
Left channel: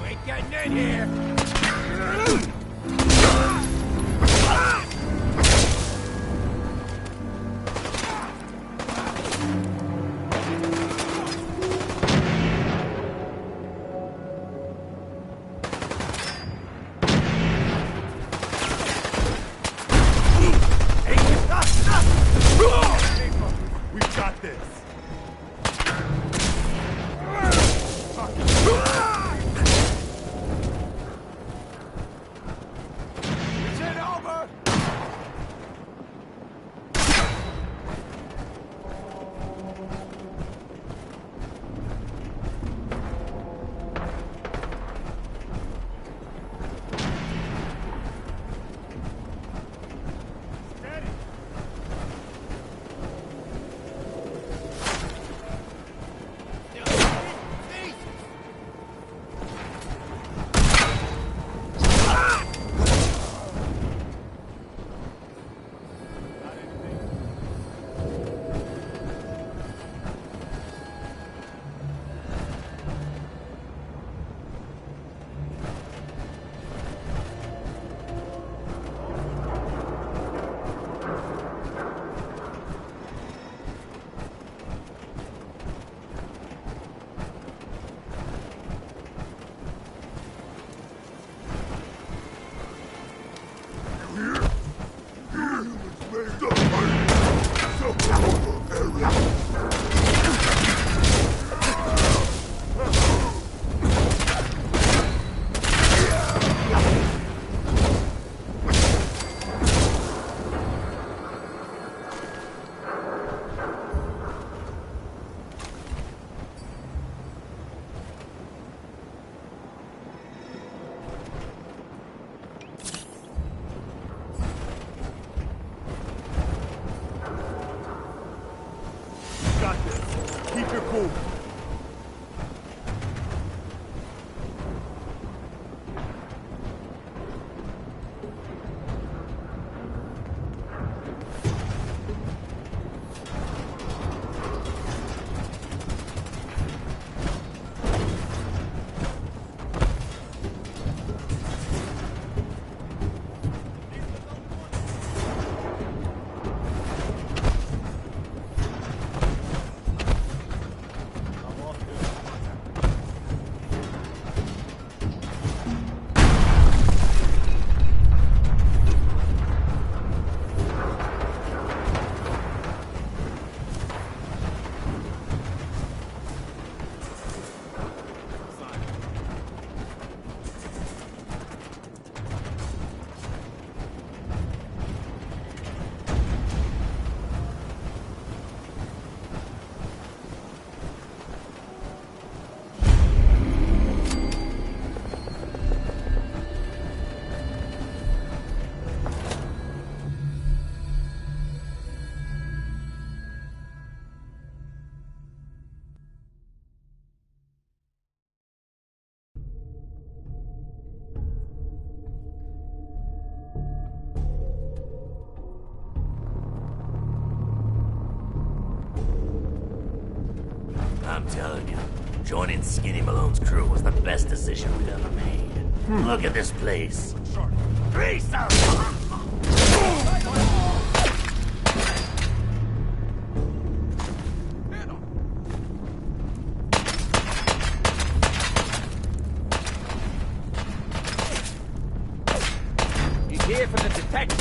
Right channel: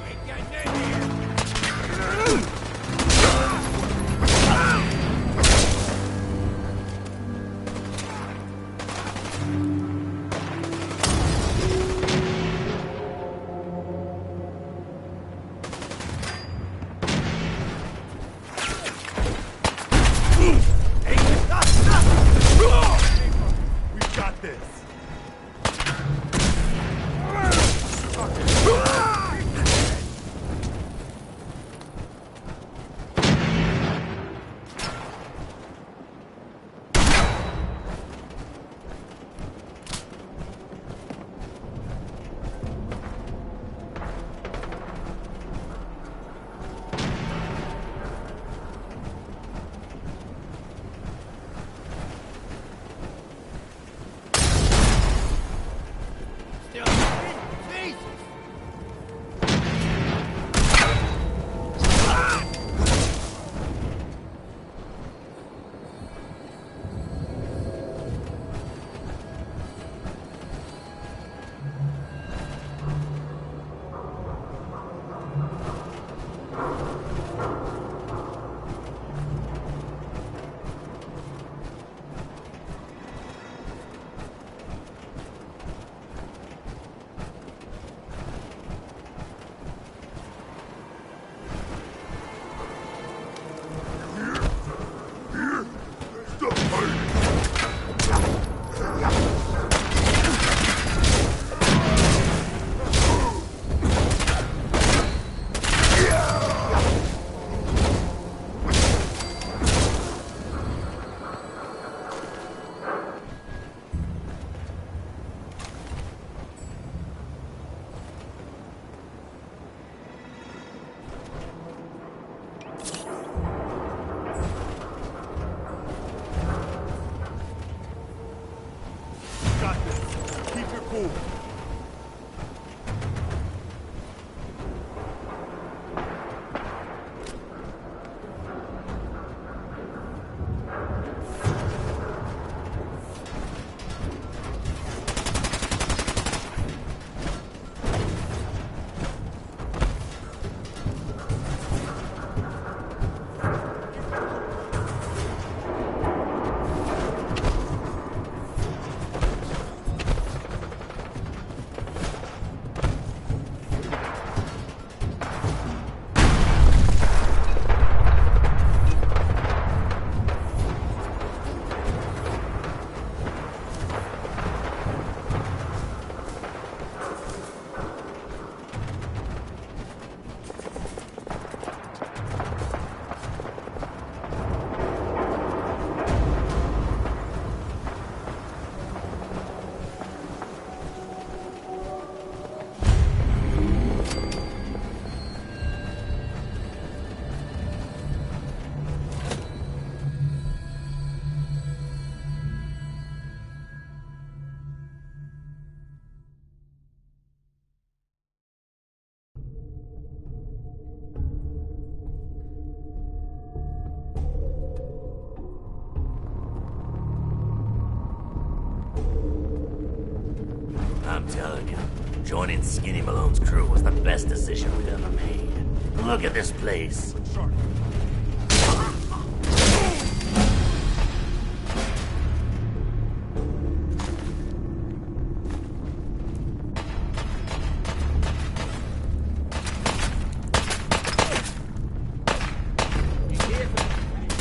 We're getting in here. cool. I'm telling you, joining Skinny Malone's crew was the best decision we've ever made. Look at this place. He's here for the detection.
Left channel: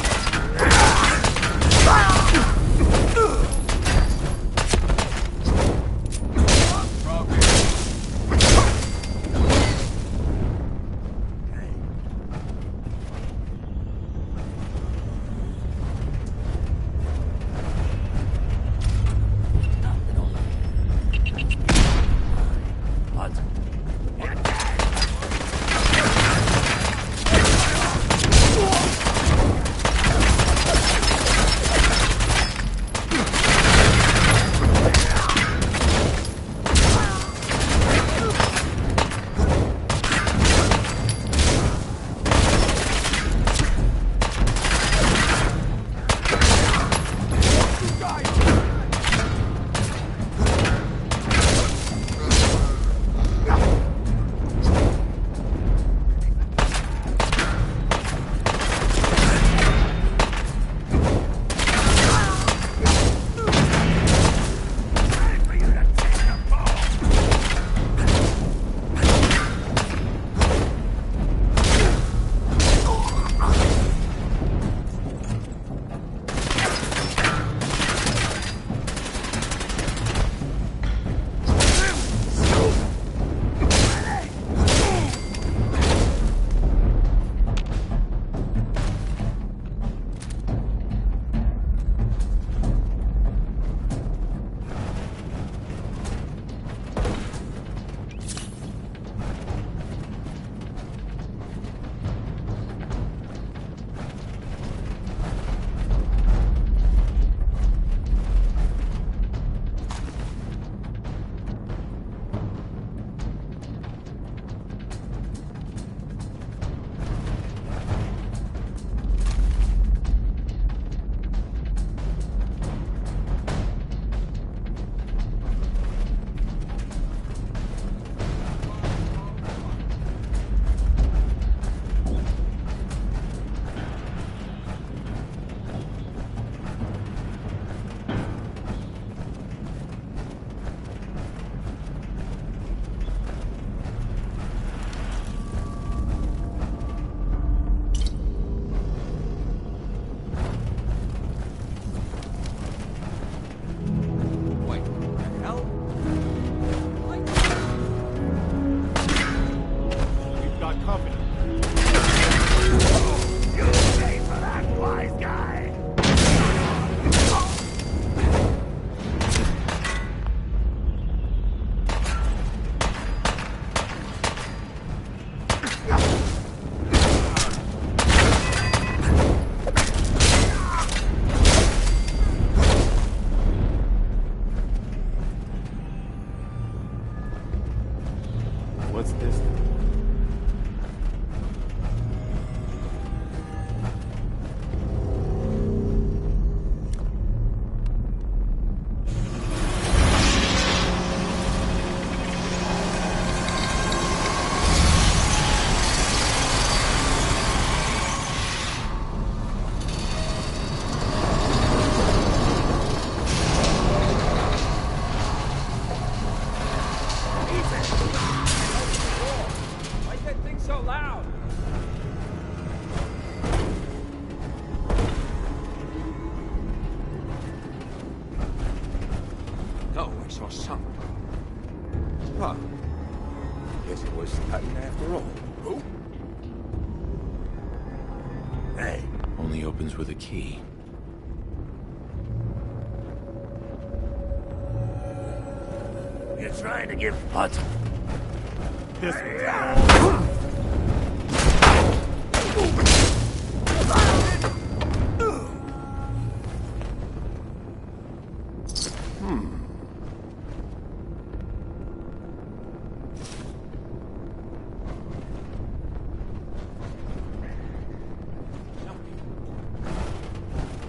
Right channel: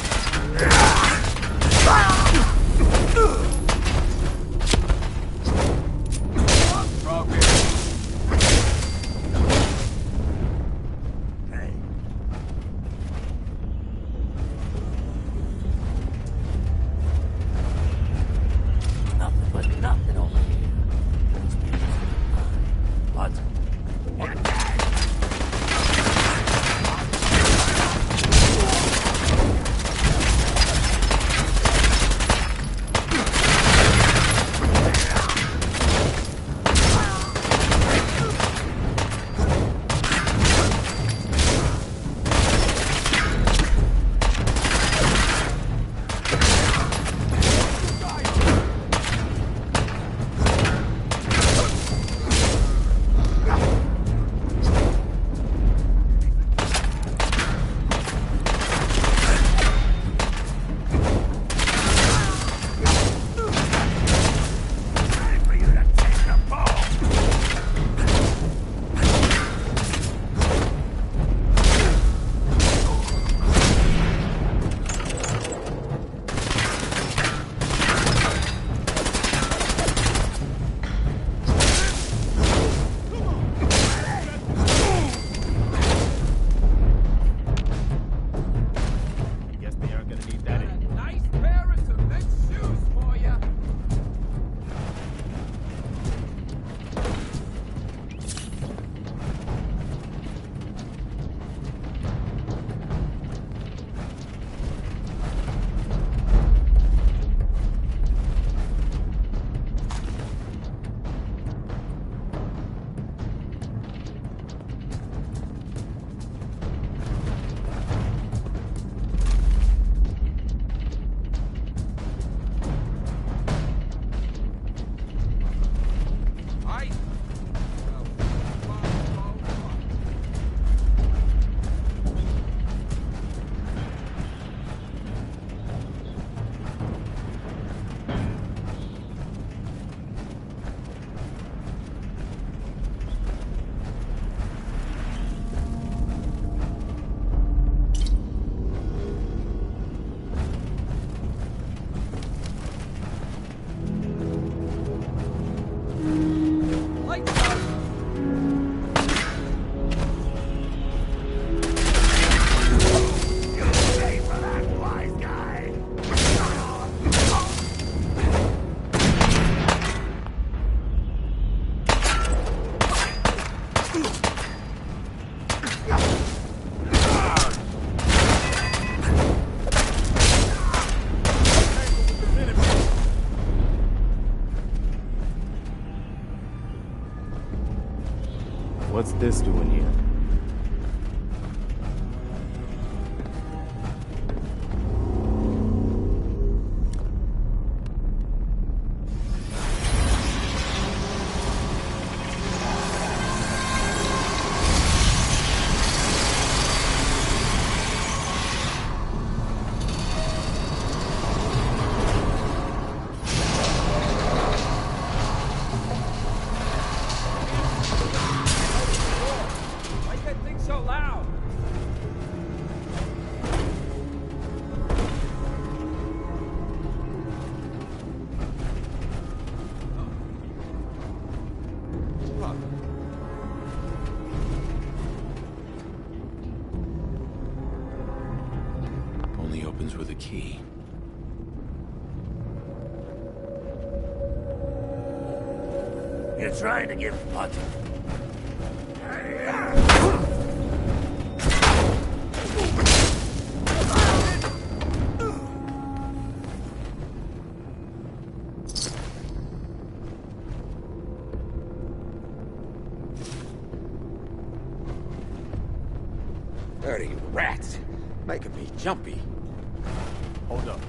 What's this doing here? Only opens with a key. You're trying to give what? Dirty rats. Making me jumpy. Hold up.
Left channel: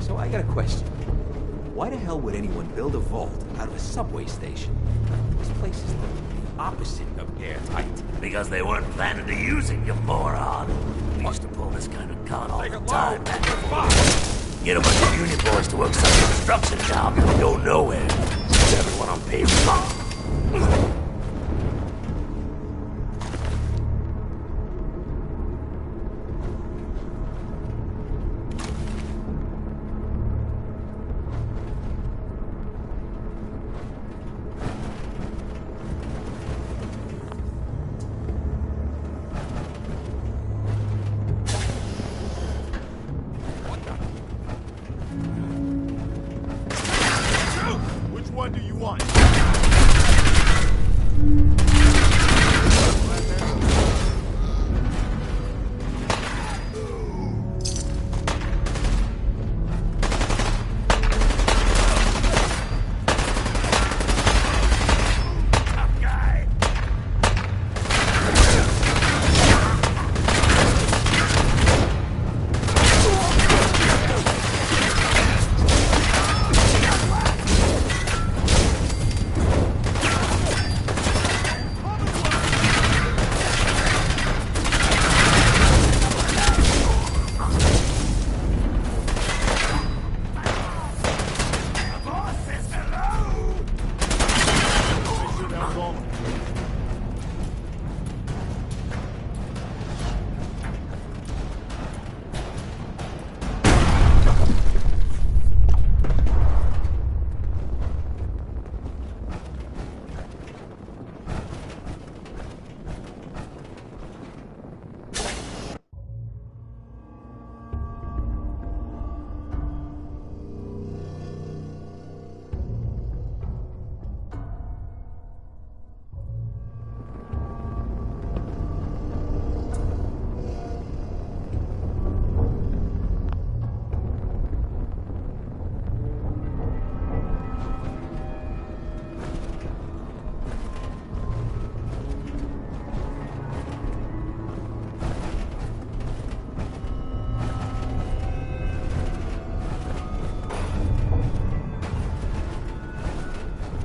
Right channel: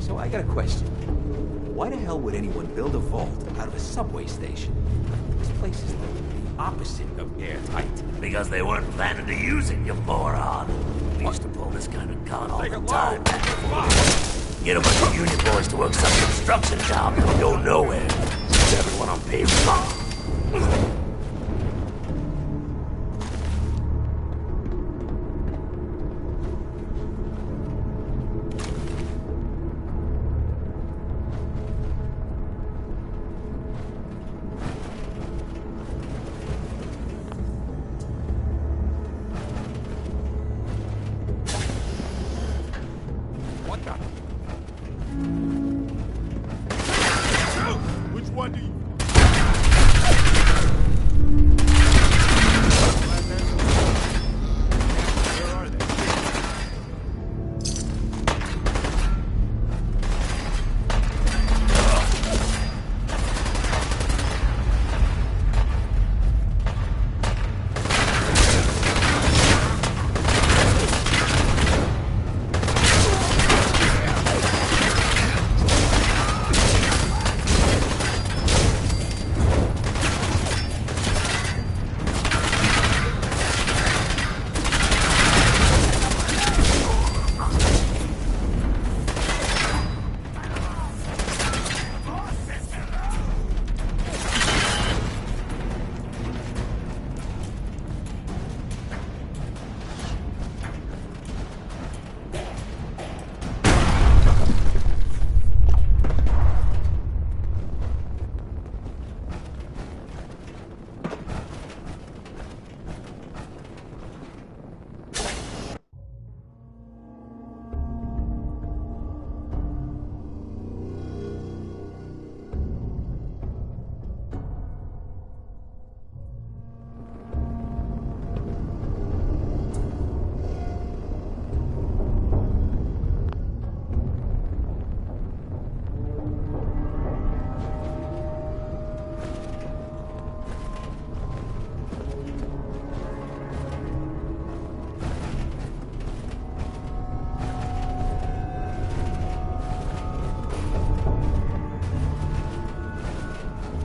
So I got a question. Why the hell would anyone build a vault out of a subway station? This place is the opposite of airtight. Because they weren't planning to use it, you moron. We used to pull this kind of con all the time. Get a bunch of union boys to work some construction job that would go nowhere. Everyone on pavement. Which one do you want?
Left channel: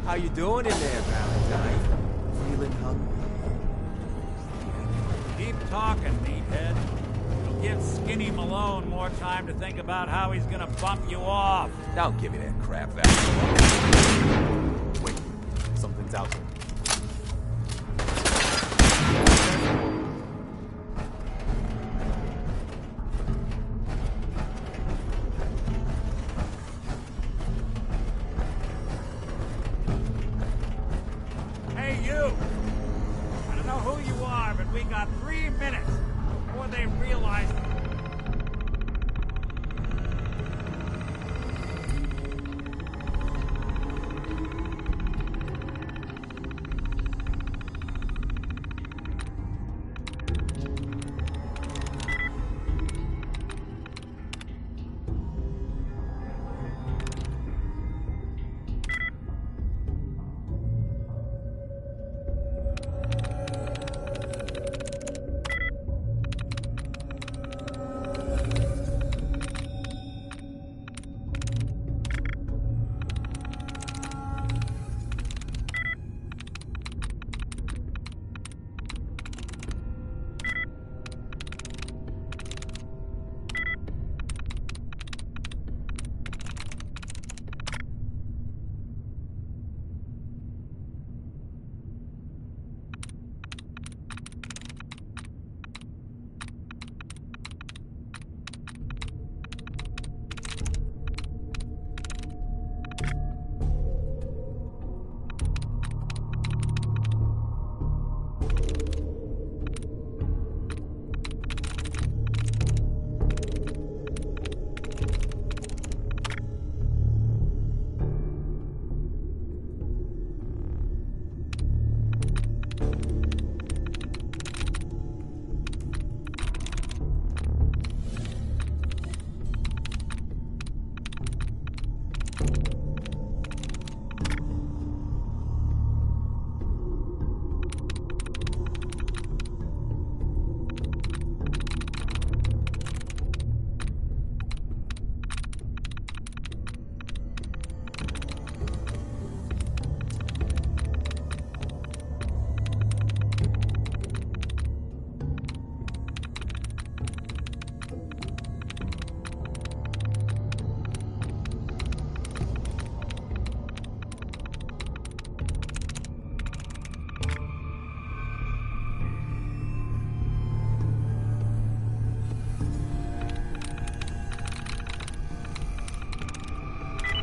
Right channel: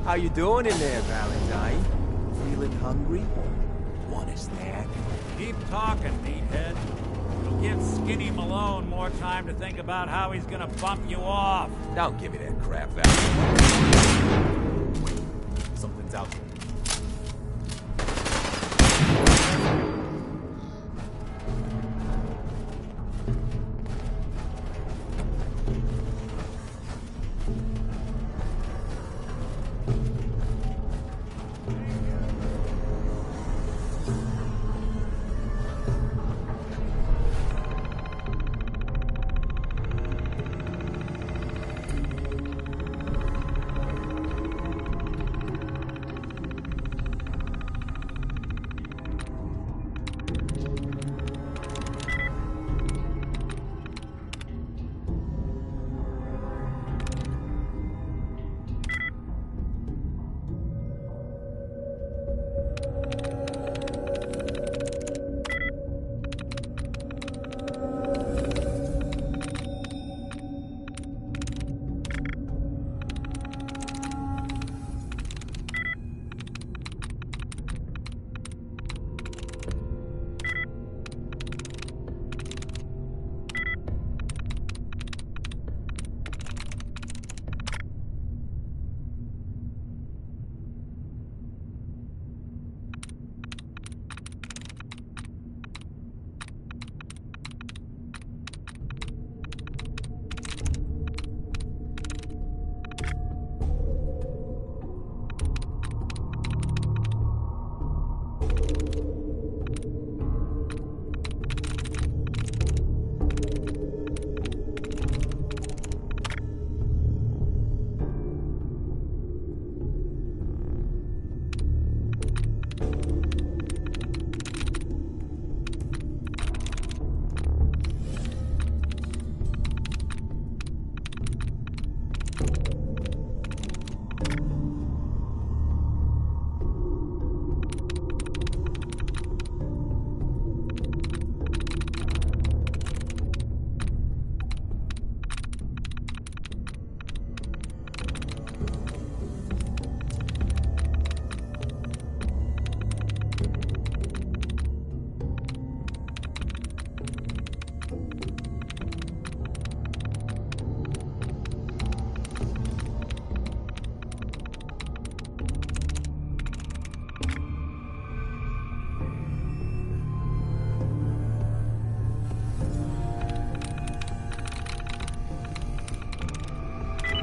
How you doing in there, Valentine? Feeling hungry? What is that? Keep talking, meathead. It'll give Skinny Malone more time to think about how he's gonna bump you off. Don't give me that crap, Valentine. Wait, something's out there. Hey, you! I don't know who you are, but we got 3 minutes before they realize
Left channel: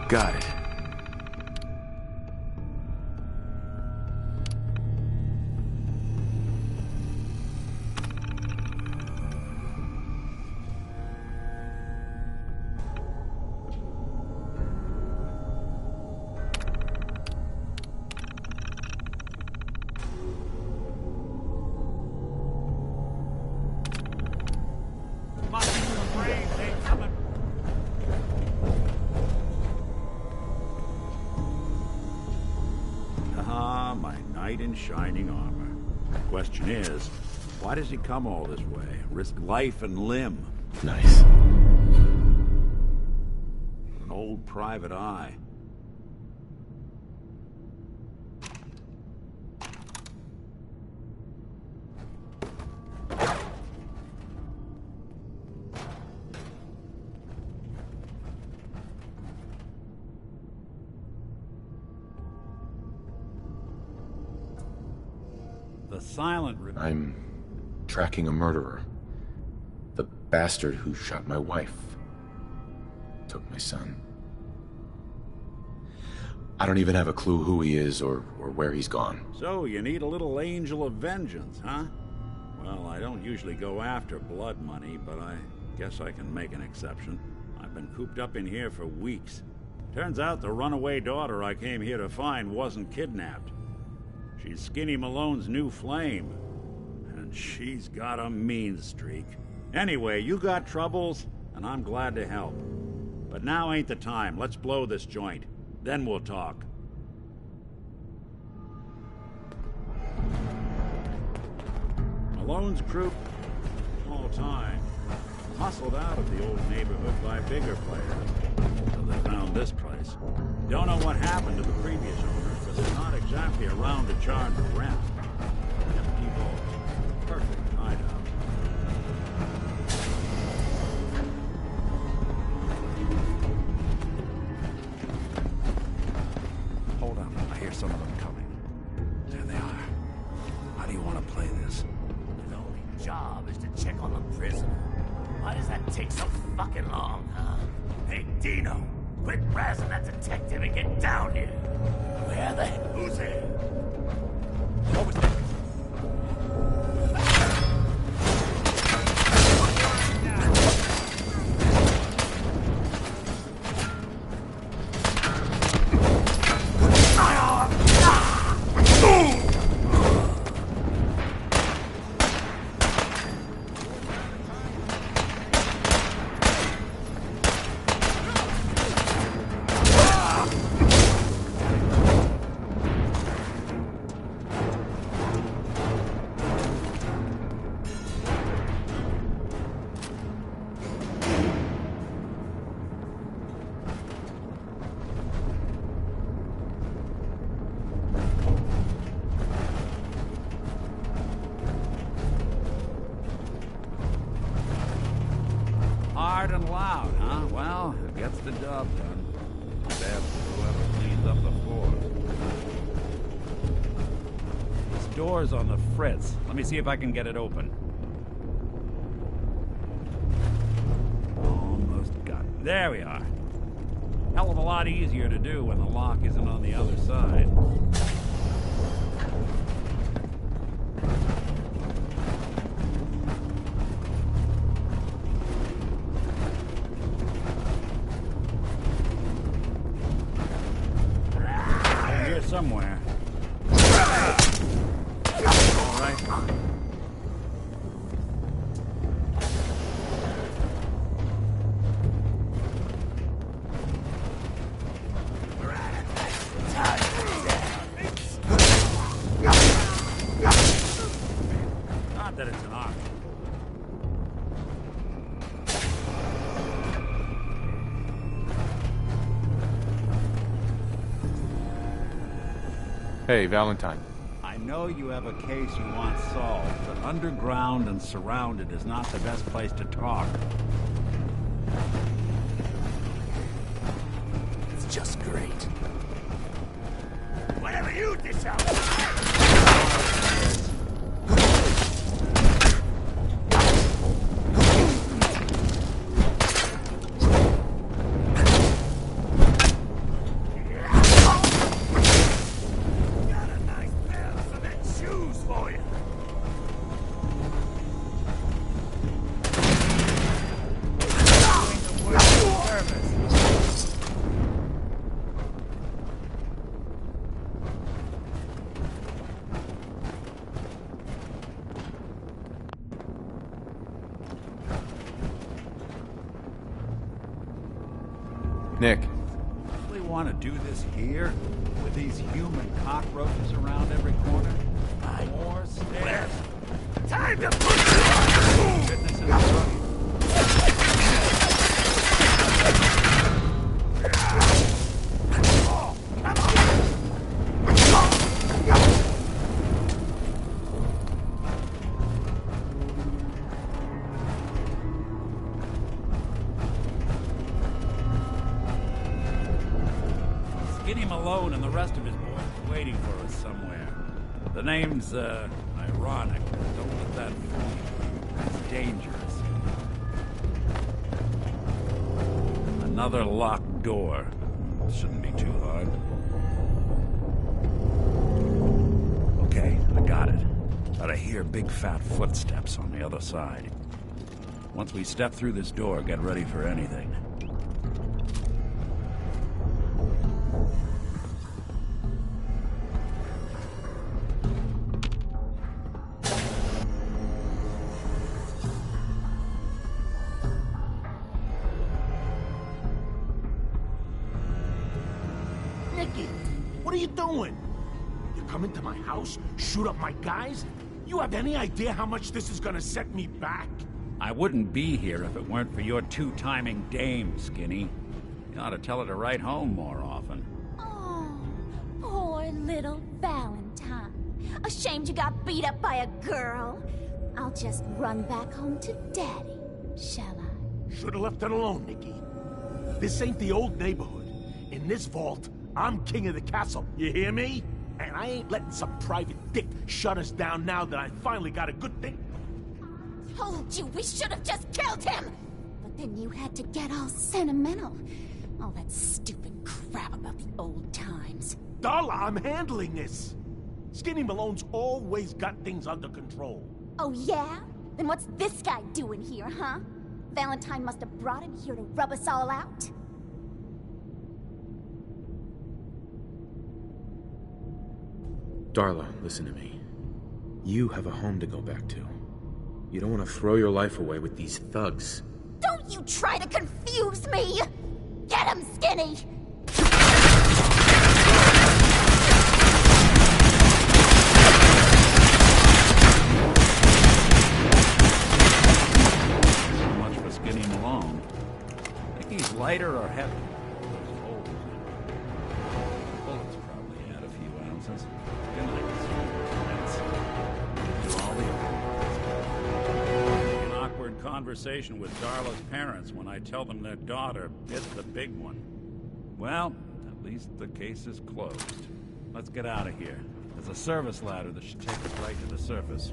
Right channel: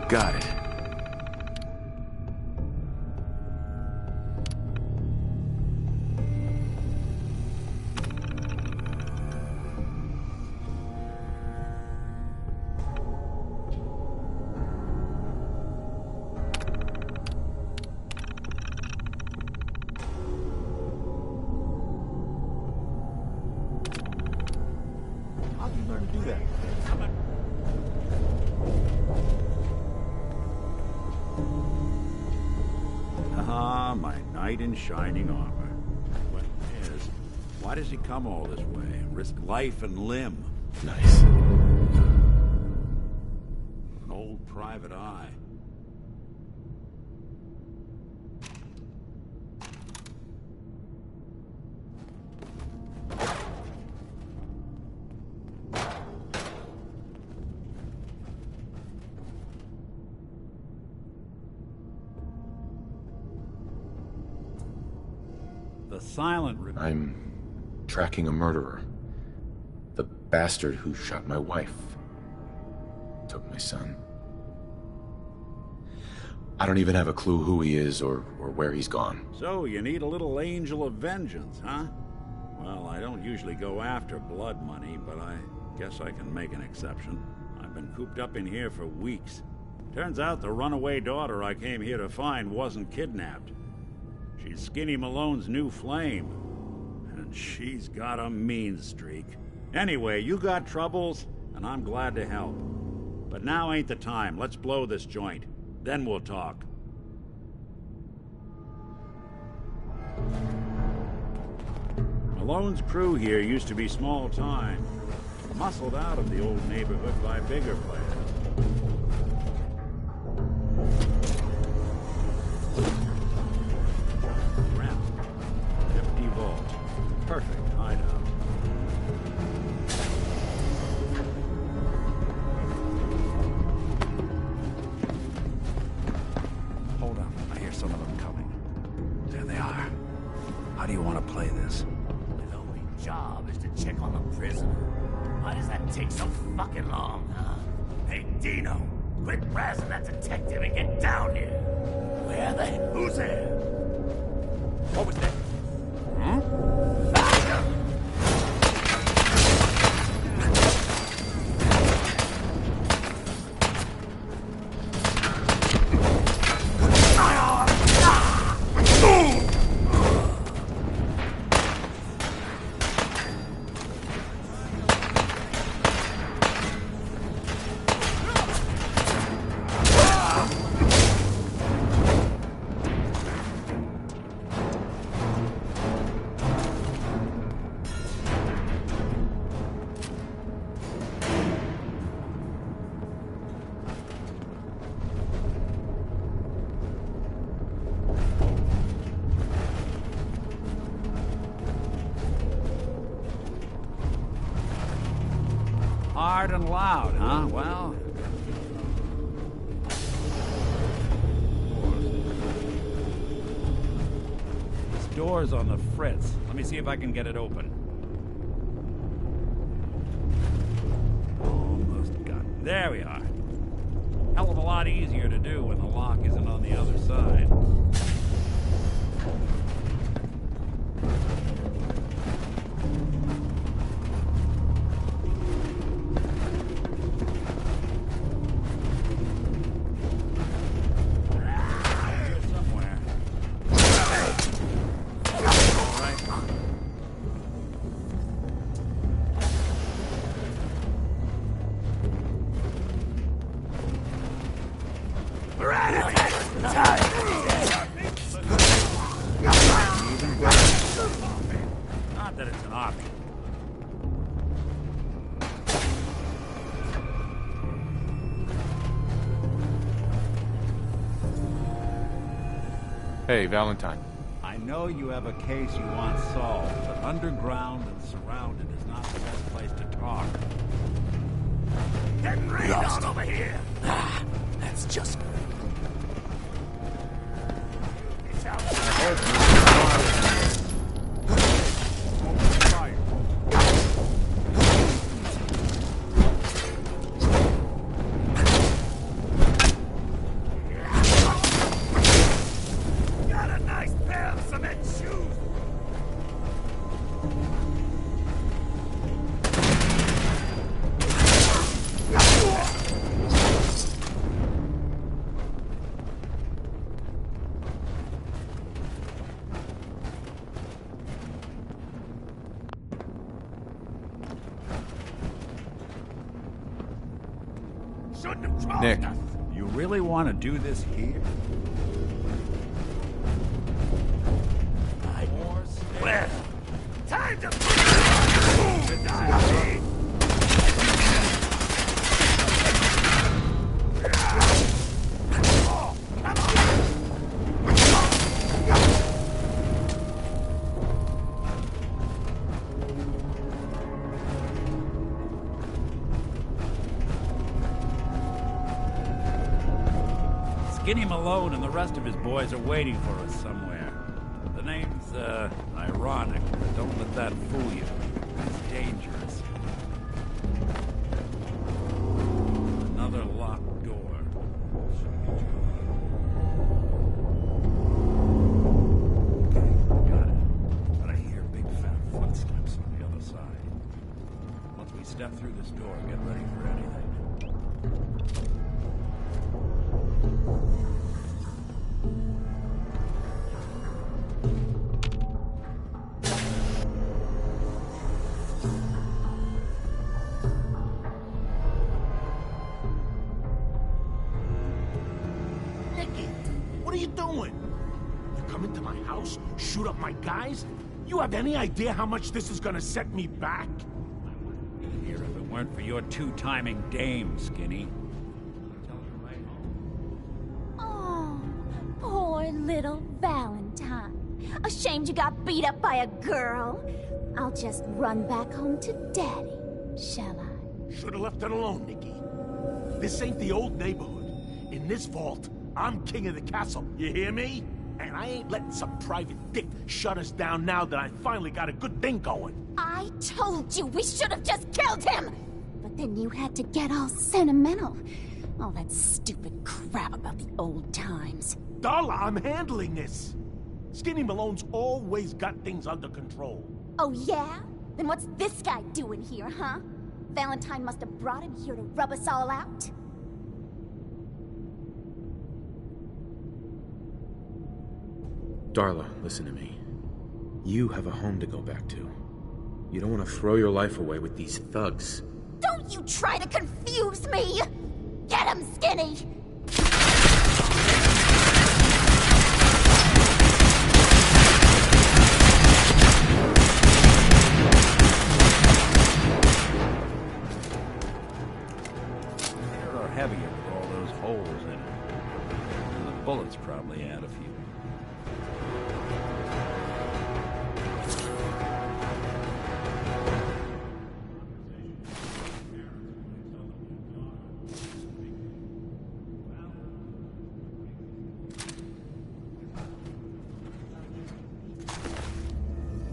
Got it. Ah, my knight in shining armor. The question is, why does he come all this way? Risk life and limb? Nice. An old private eye. The silent... I'm tracking a murderer. The bastard who shot my wife. Took my son. I don't even have a clue who he is or where he's gone. So, you need a little angel of vengeance, huh? Well, I don't usually go after blood money, but I guess I can make an exception. I've been cooped up in here for weeks. Turns out the runaway daughter I came here to find wasn't kidnapped. She's Skinny Malone's new flame. And she's got a mean streak. Anyway, you got troubles, and I'm glad to help. But now ain't the time. Let's blow this joint. Then we'll talk. Malone's crew here used to be small time. Muscled out of the old neighborhood by bigger players. They found this place. Don't know what happened to the previous owner. It's not exactly around to charge rent. Empty vault. Perfect hideout. Hold on, I hear some of them coming. There they are. How do you want to play this? His only job is to check on the prisoner. Why does that take so fucking long, huh? Hey, Dino, quit razzing that detective and get down here. Where the... Who's there? What was that? Hard and loud, huh? Well, gets the dub. This door's on the fritz. Let me see if I can get it open. Almost got it. There we are. Hell of a lot easier to do when the lock isn't on the other side. Somewhere. All right. We're at it. Time. Not that it's an option. Hey, Valentine. I know you have a case you want solved, but underground and surrounded is not the best place to talk. Lost over here. Ah, that's just great. Whatever you dish out. Nick. You really want to do this here? With these human cockroaches around every corner? More stairs. Time to Fitness in trouble. Skinny Malone and the rest of his boys are waiting for us somewhere. The name's, ironic. Don't let that fool you. It's dangerous. Another locked door. Shouldn't be too hard. Okay, I got it. But I hear big fat footsteps on the other side. Once we step through this door, get ready for anything. What are you doing? You come into my house, shoot up my guys? You have any idea how much this is gonna set me back? I wouldn't be here if it weren't for your two-timing dame, Skinny. You ought to tell her to write home more often. Oh, poor little Valentine. Ashamed you got beat up by a girl? I'll just run back home to Daddy, shall I? Should've left it alone, Nikki. This ain't the old neighborhood. In this vault, I'm king of the castle, you hear me? And I ain't letting some private dick shut us down now that I finally got a good thing going. I told you we should have just killed him! But then you had to get all sentimental. All that stupid crap about the old times. Darla, I'm handling this. Skinny Malone's always got things under control. Oh yeah? Then what's this guy doing here, huh? Valentine must have brought him here to rub us all out? Darla, listen to me. You have a home to go back to. You don't want to throw your life away with these thugs. Don't you try to confuse me! Get him, Skinny! Skinny Malone. Think he's lighter or heavier with all those holes in it? And the bullets probably add a few ounces. An awkward conversation with Darla's parents when I tell them their daughter hit the big one. Well, at least the case is closed. Let's get out of here. There's a service ladder that should take us right to the surface.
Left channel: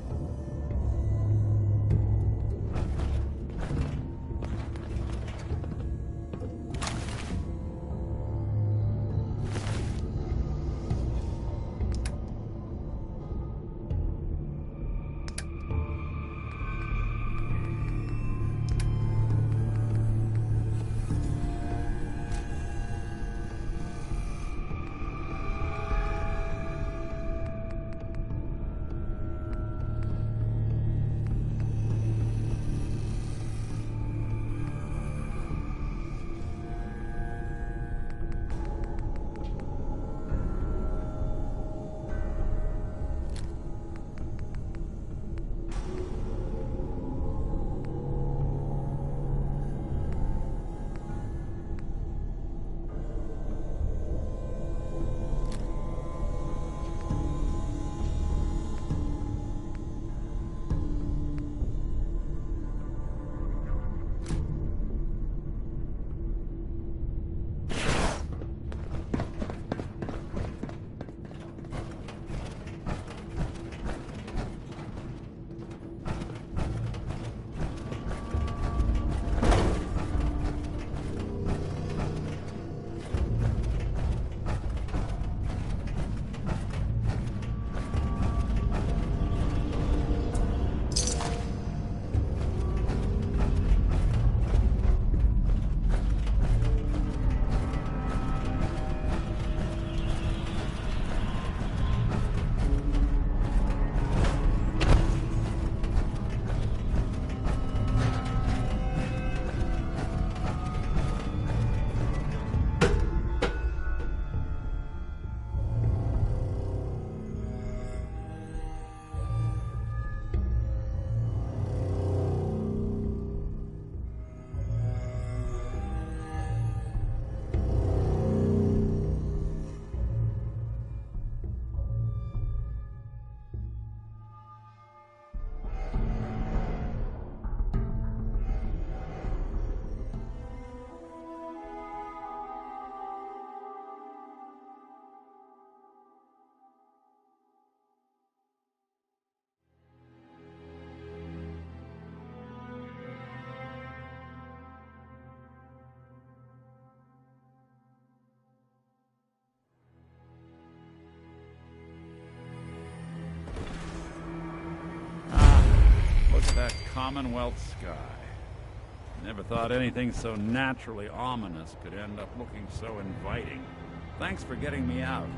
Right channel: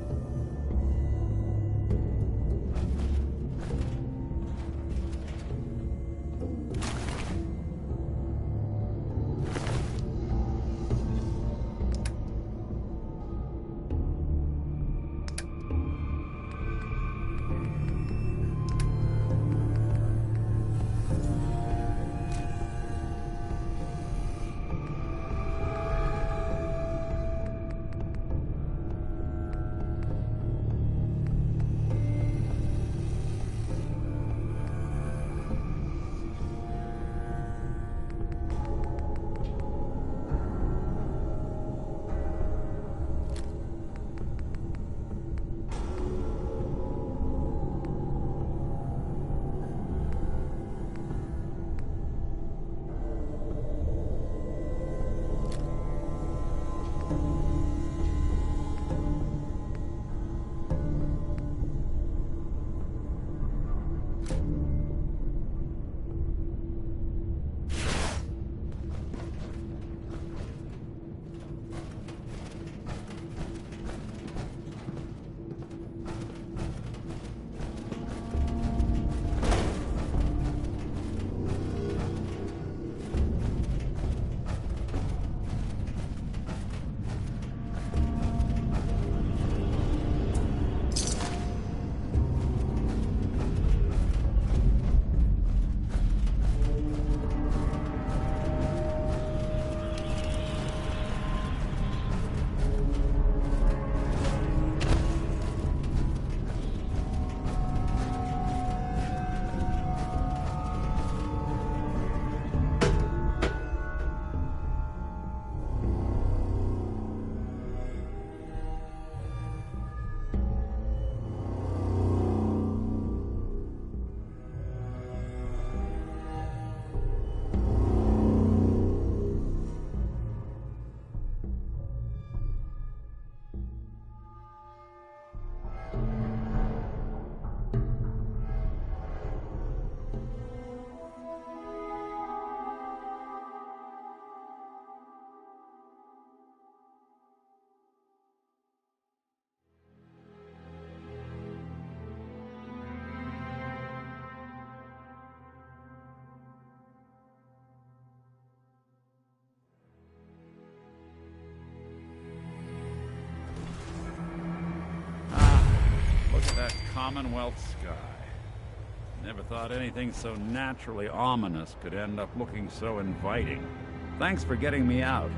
Commonwealth sky. Never thought anything so naturally ominous could end up looking so inviting. Thanks for getting me out.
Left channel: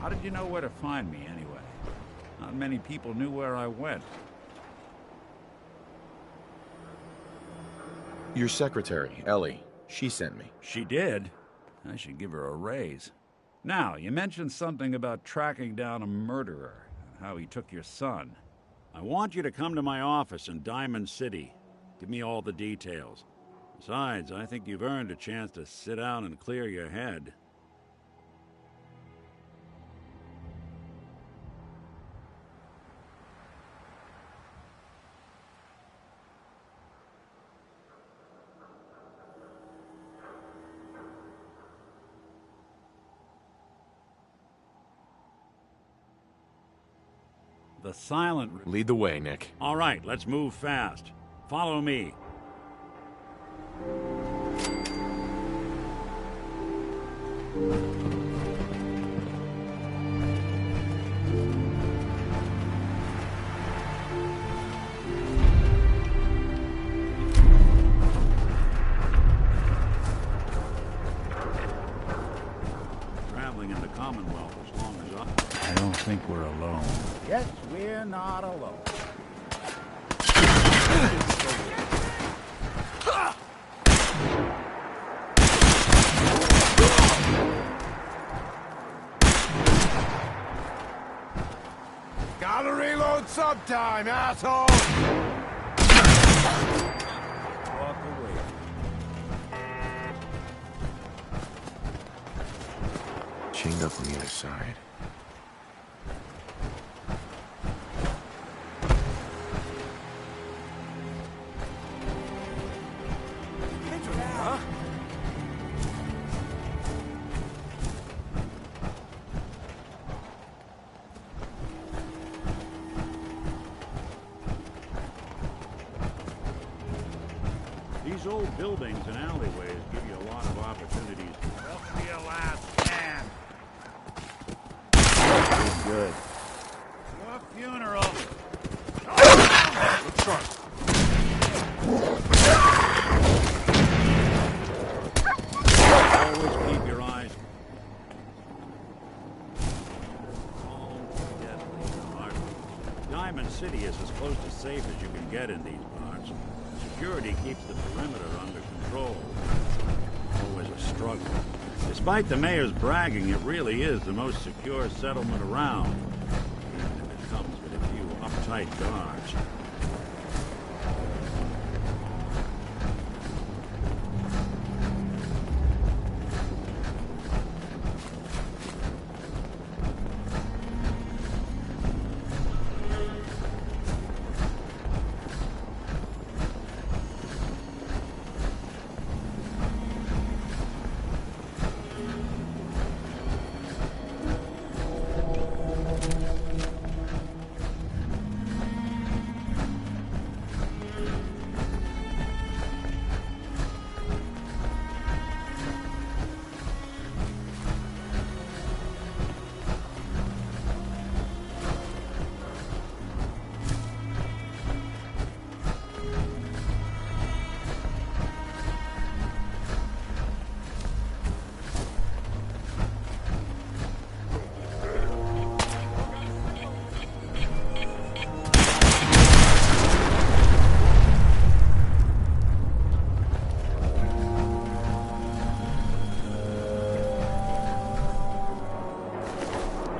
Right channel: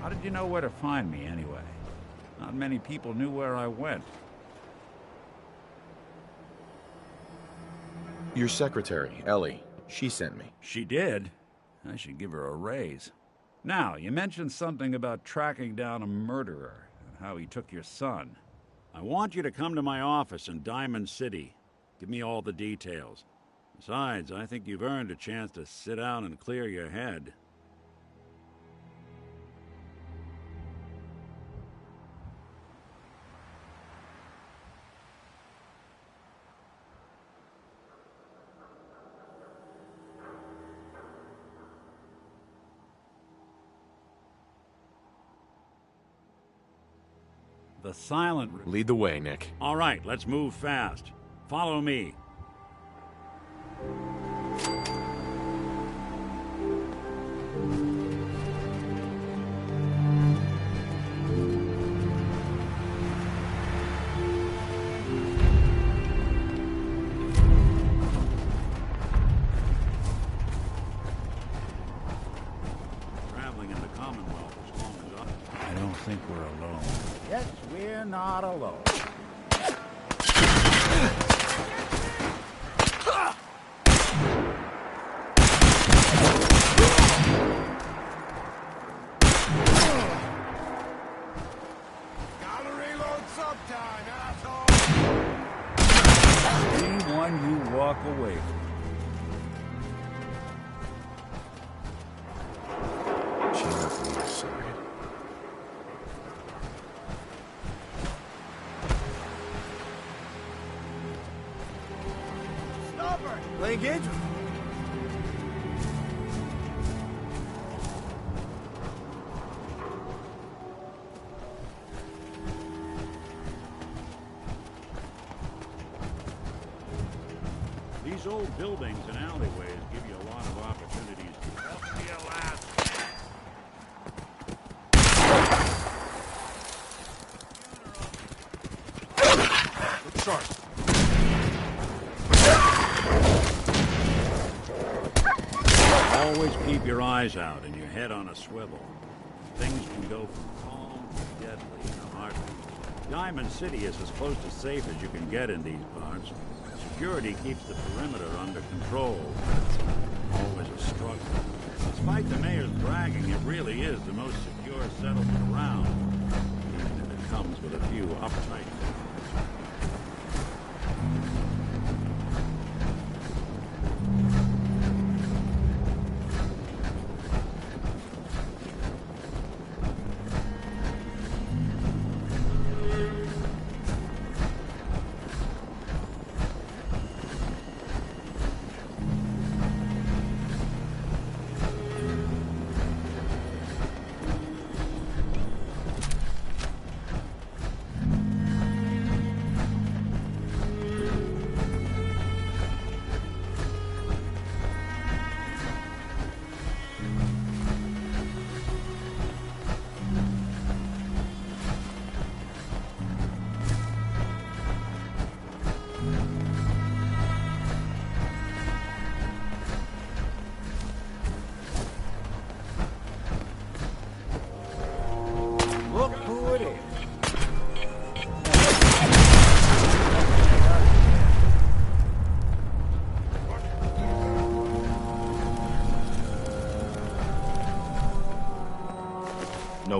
How did you know where to find me, anyway? Not many people knew where I went. Your secretary, Ellie, she sent me. She did? I should give her a raise. Now, you mentioned something about tracking down a murderer and how he took your son. I want you to come to my office in Diamond City. Give me all the details. Besides, I think you've earned a chance to sit down and clear your head. The silent... Lead the way, Nick. All right, let's move fast. Follow me. Traveling in the Commonwealth as long as I don't think we're alone. Yes, we're not alone. Gotta reload sometime, asshole! Anyone you walk away from. Chain up on either side. Play games with me, huh? These old buildings and alleyways give you a lot of opportunities. Welcome to your last stand. Good. Your funeral. Look sharp. Always keep your eyes out and your head on a swivel. Things can go from calm to deadly in a heartbeat. Diamond City is as close to safe as you can get in these parts. Security keeps the perimeter under control. It's always a struggle. Despite the mayor's bragging, it really is the most secure settlement around, even if it comes with a few uptight guards.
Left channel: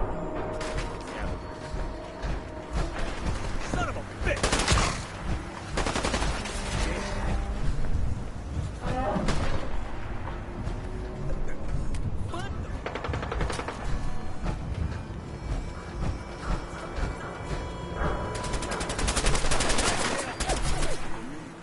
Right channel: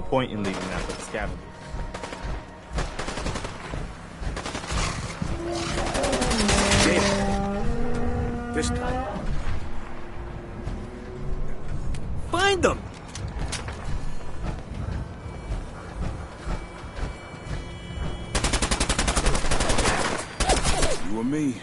Point in leaving that for the scavengers. This time. Find them! You and me.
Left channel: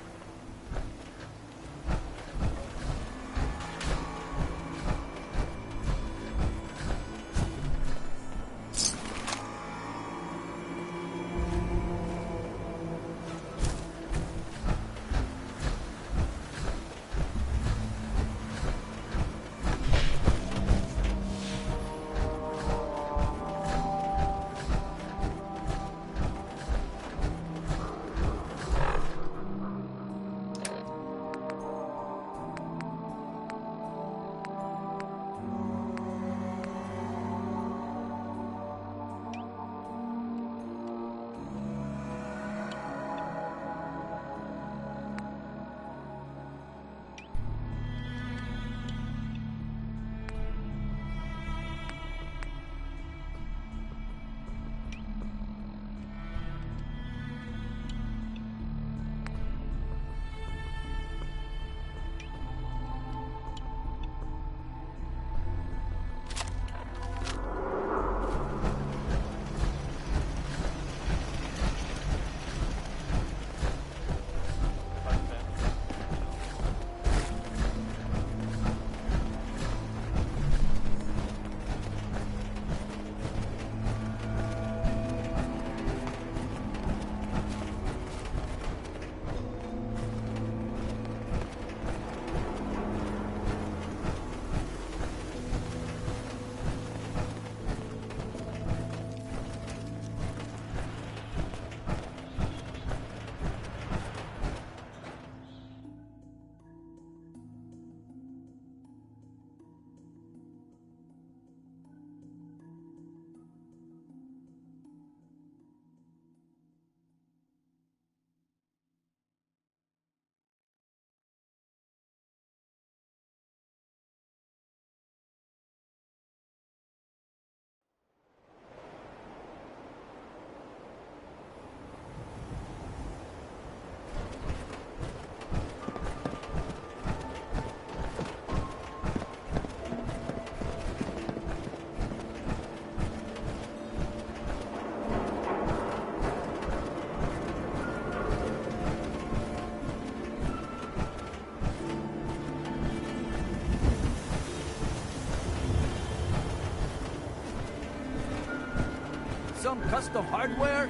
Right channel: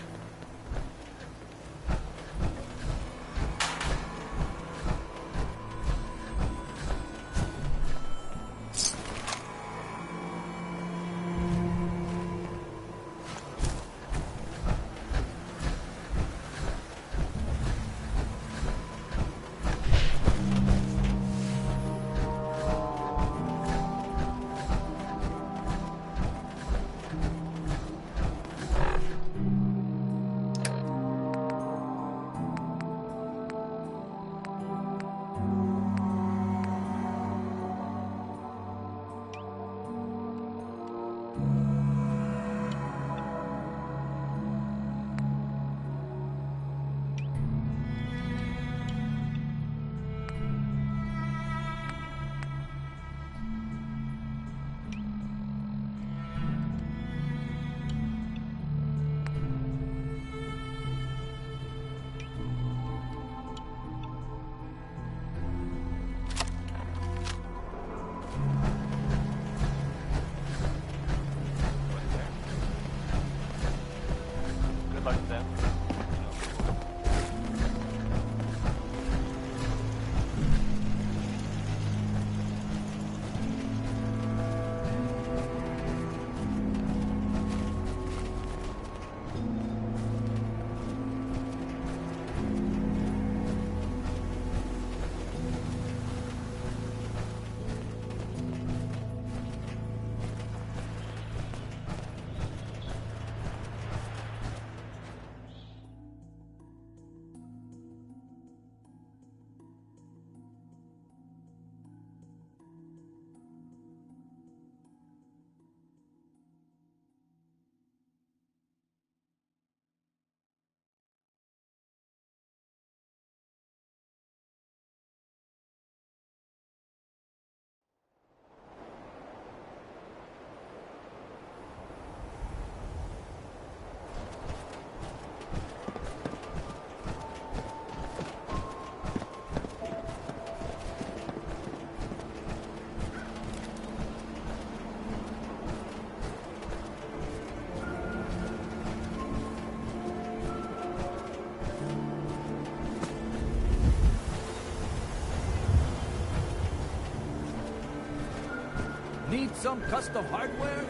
some custom hardware?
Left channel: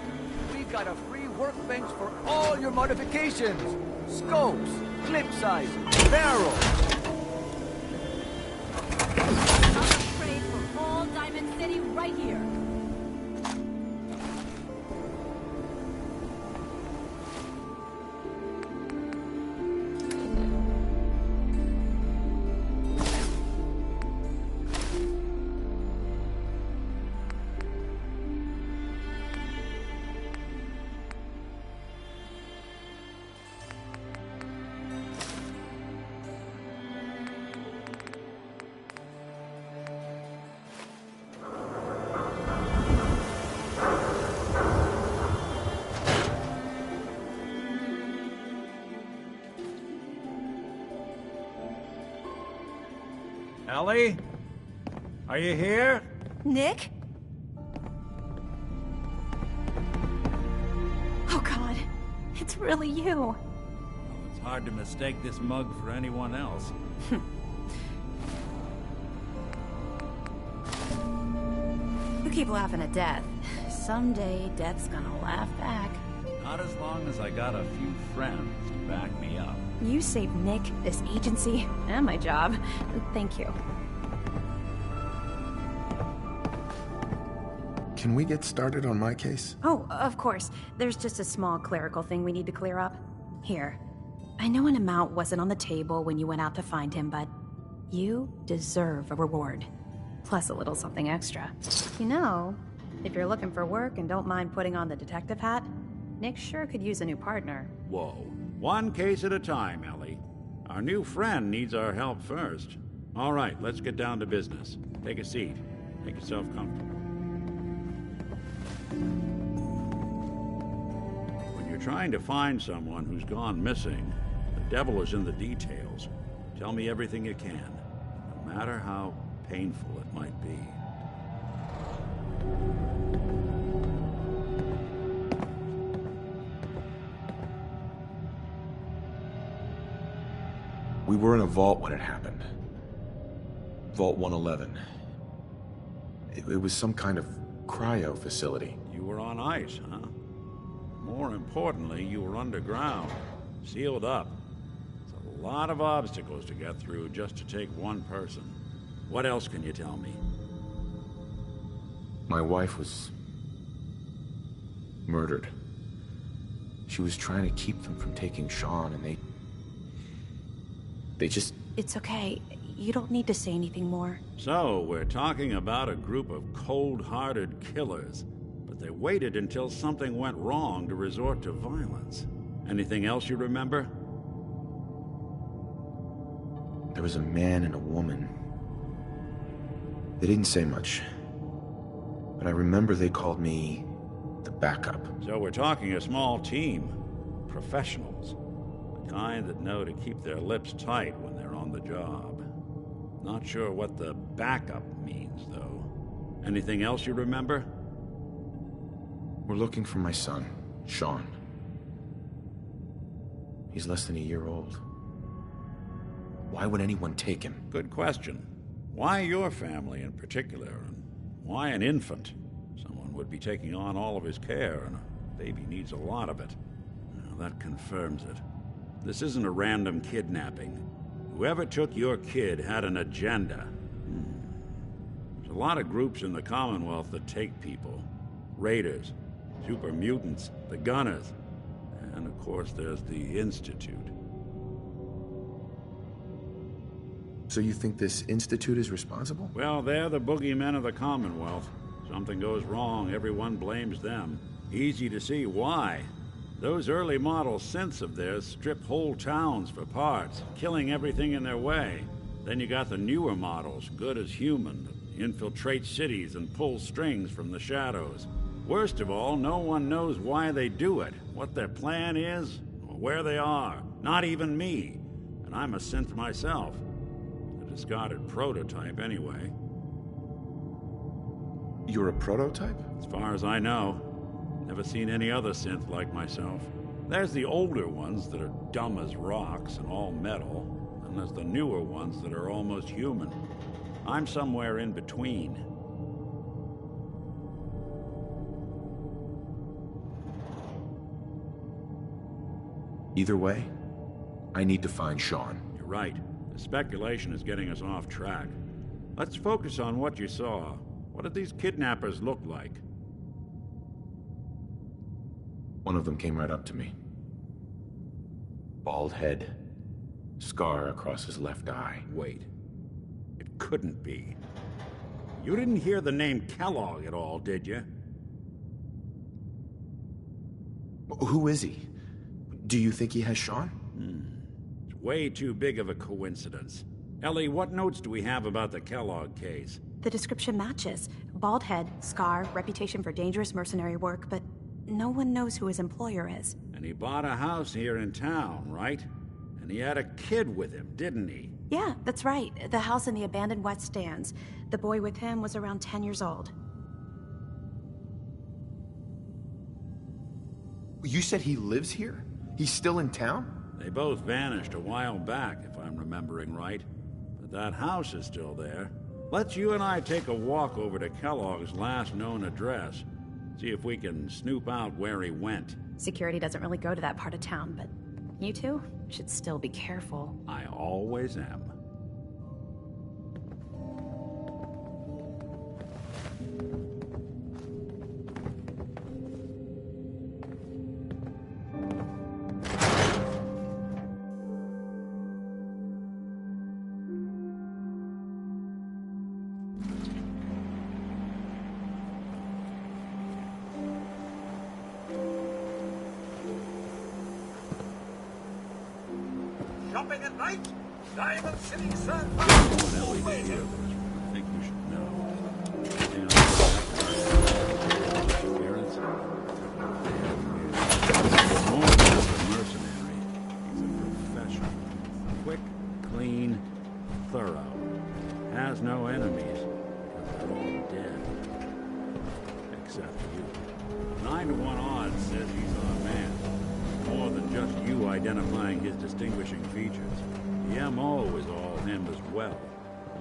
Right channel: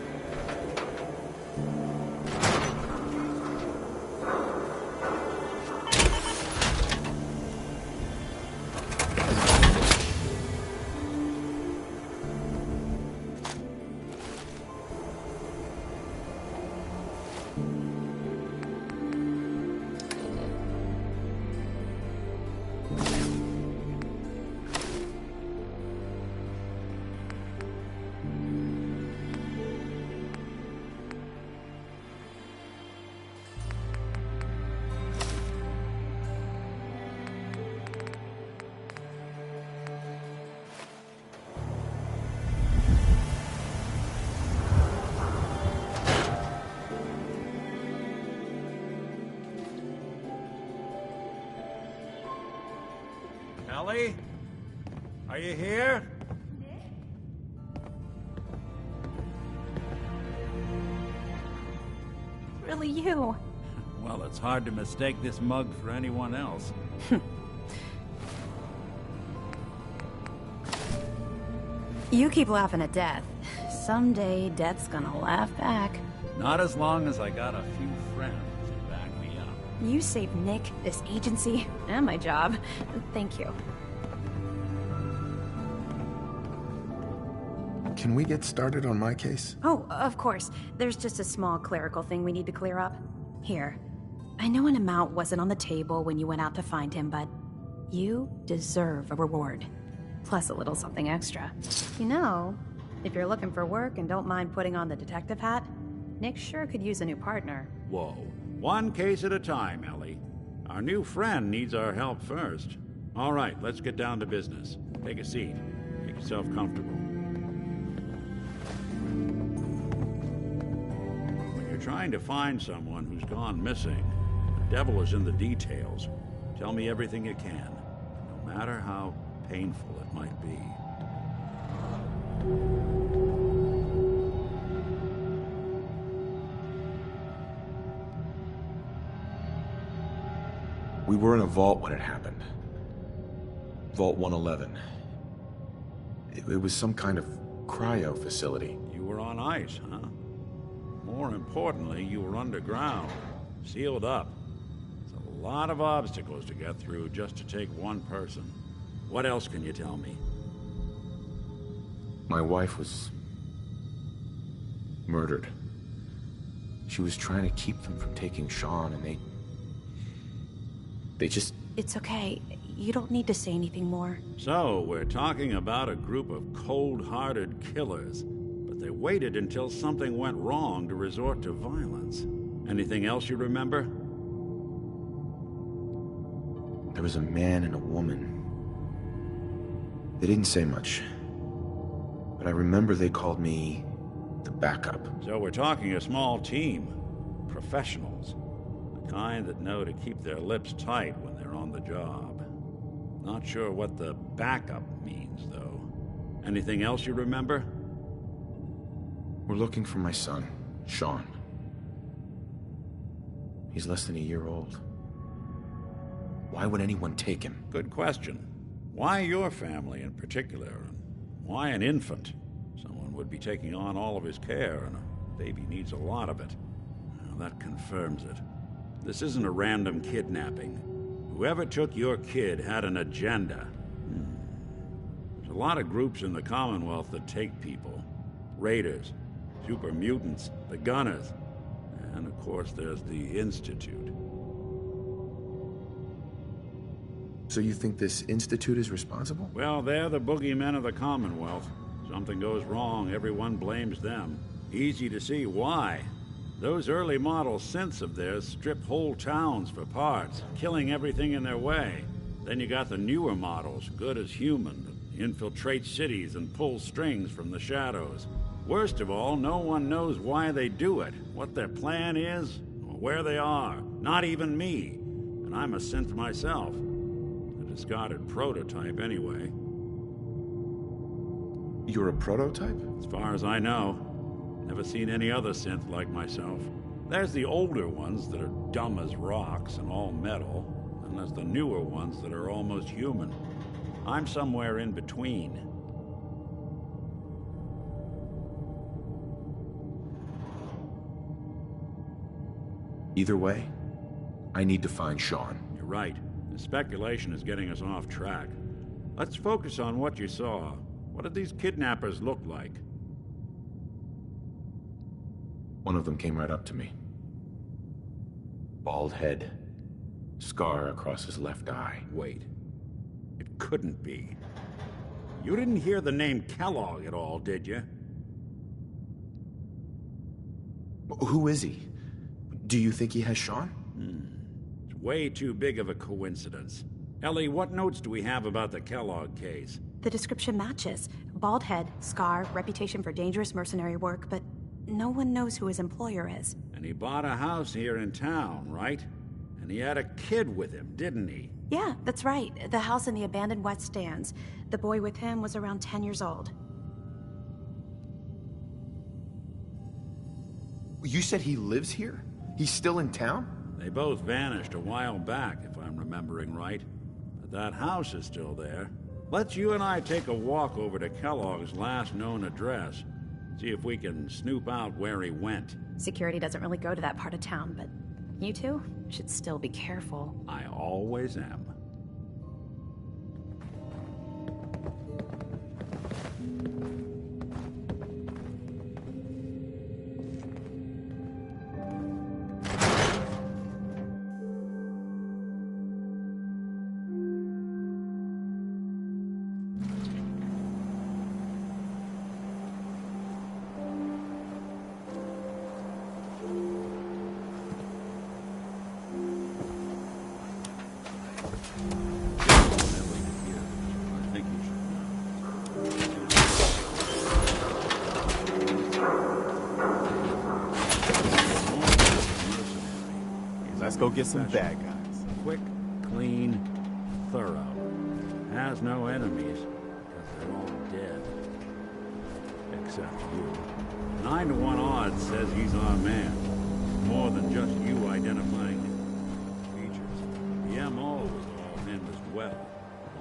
We got a free workbench for all your modifications. Scopes, clip size, barrel. All Diamond City right here. Ellie? Are you here? Nick? Oh God, it's really you. Well, it's hard to mistake this mug for anyone else. You keep laughing at death. Someday, death's gonna laugh back. Not as long as I got a few friends to back me up. You saved Nick, this agency, and my job. Thank you. Can we get started on my case? Oh, of course. There's just a small clerical thing we need to clear up. Here. I know an amount wasn't on the table when you went out to find him, but you deserve a reward. Plus a little something extra. You know, if you're looking for work and don't mind putting on the detective hat, Nick sure could use a new partner. Whoa. One case at a time, Ellie. Our new friend needs our help first. All right, let's get down to business. Take a seat. Make yourself comfortable. When you're trying to find someone who's gone missing, the devil is in the details. Tell me everything you can, no matter how painful it might be. We were in a vault when it happened. Vault 111. It was some kind of cryo facility. You were on ice, huh? More importantly, you were underground, sealed up. It's a lot of obstacles to get through just to take one person. What else can you tell me? My wife was murdered. She was trying to keep them from taking Sean, and they just... It's okay. You don't need to say anything more. So, we're talking about a group of cold-hearted killers, but they waited until something went wrong to resort to violence. Anything else you remember? There was a man and a woman. They didn't say much, but I remember they called me the backup. So we're talking a small team. Professionals. The kind that know to keep their lips tight when they're on the job. Not sure what the backup means, though. Anything else you remember? We're looking for my son, Sean. He's less than a year old. Why would anyone take him? Good question. Why your family in particular, and why an infant? Someone would be taking on all of his care, and a baby needs a lot of it. Well, that confirms it. This isn't a random kidnapping. Whoever took your kid had an agenda. There's a lot of groups in the Commonwealth that take people. Raiders, super mutants, the Gunners, and of course there's the Institute. So you think this Institute is responsible? Well, they're the boogeymen of the Commonwealth. Something goes wrong, everyone blames them. Easy to see why. Those early model synths of theirs strip whole towns for parts, killing everything in their way. Then you got the newer models, good as human, that infiltrate cities and pull strings from the shadows. Worst of all, no one knows why they do it, what their plan is, or where they are. Not even me. And I'm a synth myself. A discarded prototype, anyway. You're a prototype? As far as I know. Never seen any other synth like myself. There's the older ones that are dumb as rocks and all metal, and there's the newer ones that are almost human. I'm somewhere in between. Either way, I need to find Sean. You're right. The speculation is getting us off track. Let's focus on what you saw. What did these kidnappers look like? One of them came right up to me. Bald head, scar across his left eye. Wait. It couldn't be. You didn't hear the name Kellogg at all, did you? Who is he? Do you think he has Sean? It's way too big of a coincidence. Ellie, what notes do we have about the Kellogg case? The description matches. Bald head, scar, reputation for dangerous mercenary work, but no one knows who his employer is. And he bought a house here in town, right? And he had a kid with him, didn't he? Yeah, that's right. The house in the abandoned West Stands. The boy with him was around 10 years old. You said he lives here? He's still in town? They both vanished a while back, if I'm remembering right. But that house is still there. Let's you and I take a walk over to Kellogg's last known address. See if we can snoop out where he went. Security doesn't really go to that part of town, but you two should still be careful. I always am. Shopping at night? Diamond City, sir. Ellie to hear this. I think you should know. Let's go get some bad guys. Quick, clean, thorough. Has no enemies, because they're all dead. Except you. 9 to 1 odds says he's our man. More than just you identifying his distinguishing features. The MO is all him as well.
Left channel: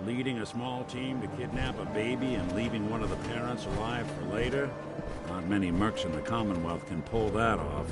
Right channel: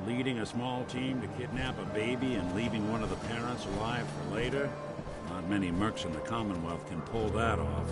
Leading a small team to kidnap a baby and leaving one of the parents alive for later? Not many mercs in the Commonwealth can pull that off.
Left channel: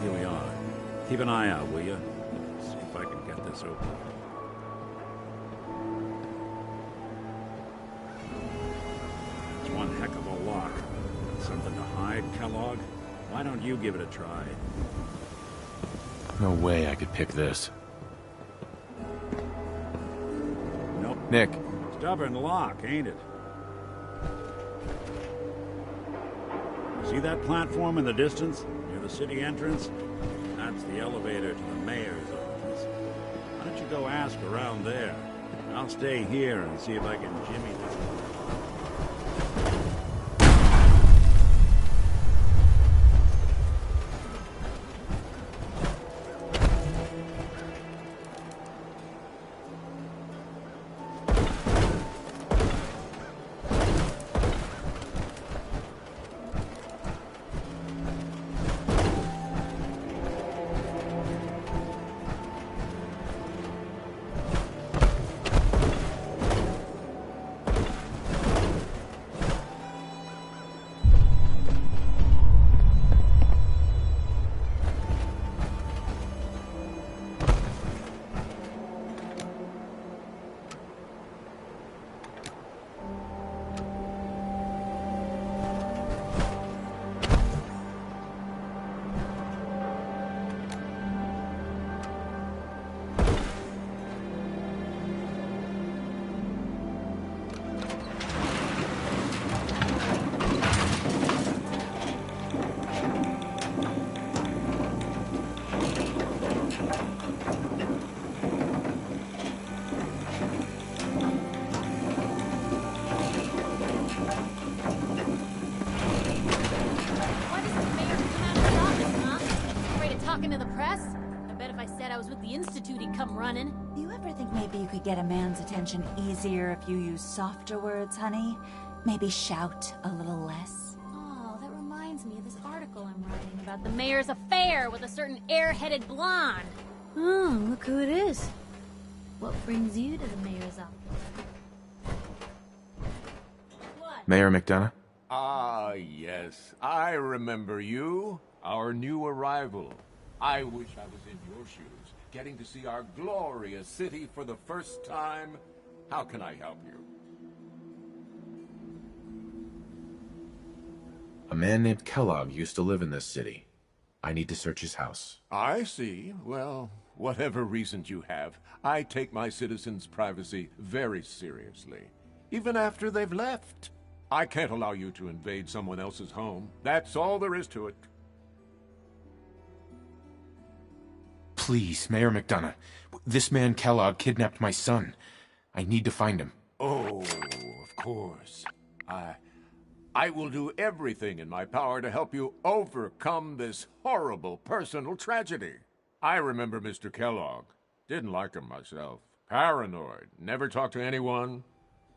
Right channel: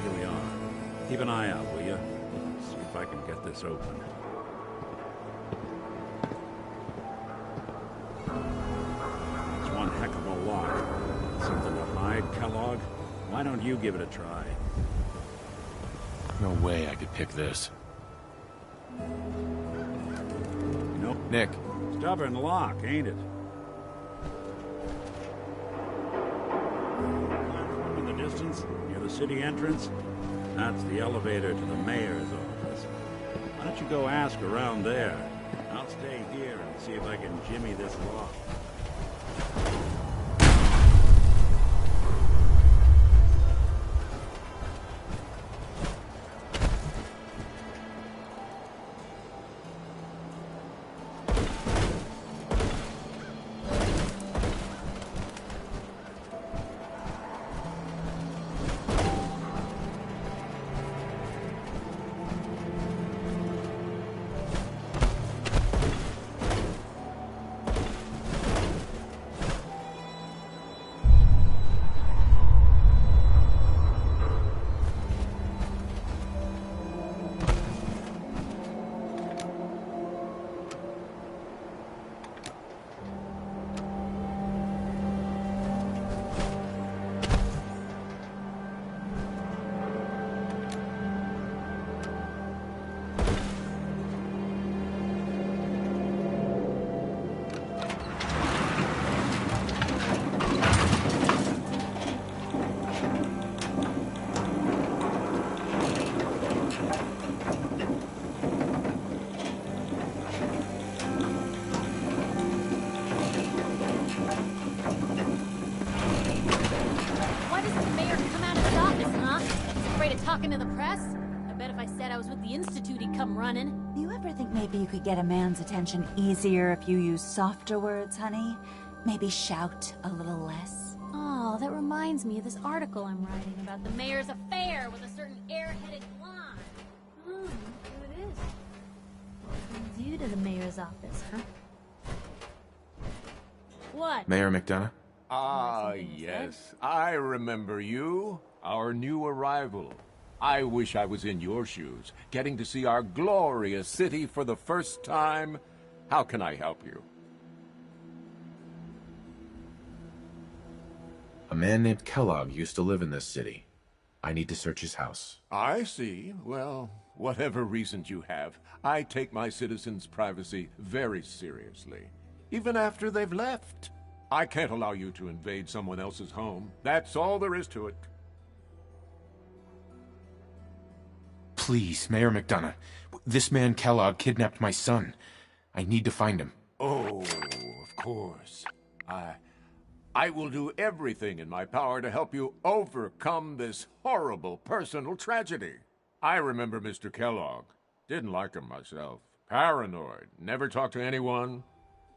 Here we are. Keep an eye out, will you? See if I can get this open. It's one heck of a lock. Something to hide, Kellogg? Why don't you give it a try? No way I could pick this. Nope. Nick. Stubborn lock, ain't it? See that platform in the distance, near the city entrance? That's the elevator to the mayor's office. Why don't you go ask around there? I'll stay here and see if I can jimmy this lock. I was with the Institute, he'd come running. Do you ever think maybe you could get a man's attention easier if you use softer words, honey? Maybe shout a little less? Oh, that reminds me of this article I'm writing about the mayor's affair with a certain air-headed blonde. Oh, look who it is. What brings you to the mayor's office, huh? What? Mayor McDonough? Ah, yes. I remember you. Our new arrival. I wish I was in your shoes, getting to see our glorious city for the first time. How can I help you? A man named Kellogg used to live in this city. I need to search his house. I see. Well, whatever reasons you have, I take my citizens' privacy very seriously. Even after they've left. I can't allow you to invade someone else's home. That's all there is to it. Please, Mayor McDonough. This man Kellogg kidnapped my son. I need to find him. Oh, of course. I will do everything in my power to help you overcome this horrible personal tragedy. I remember Mr. Kellogg. Didn't like him myself. Paranoid. Never talked to anyone.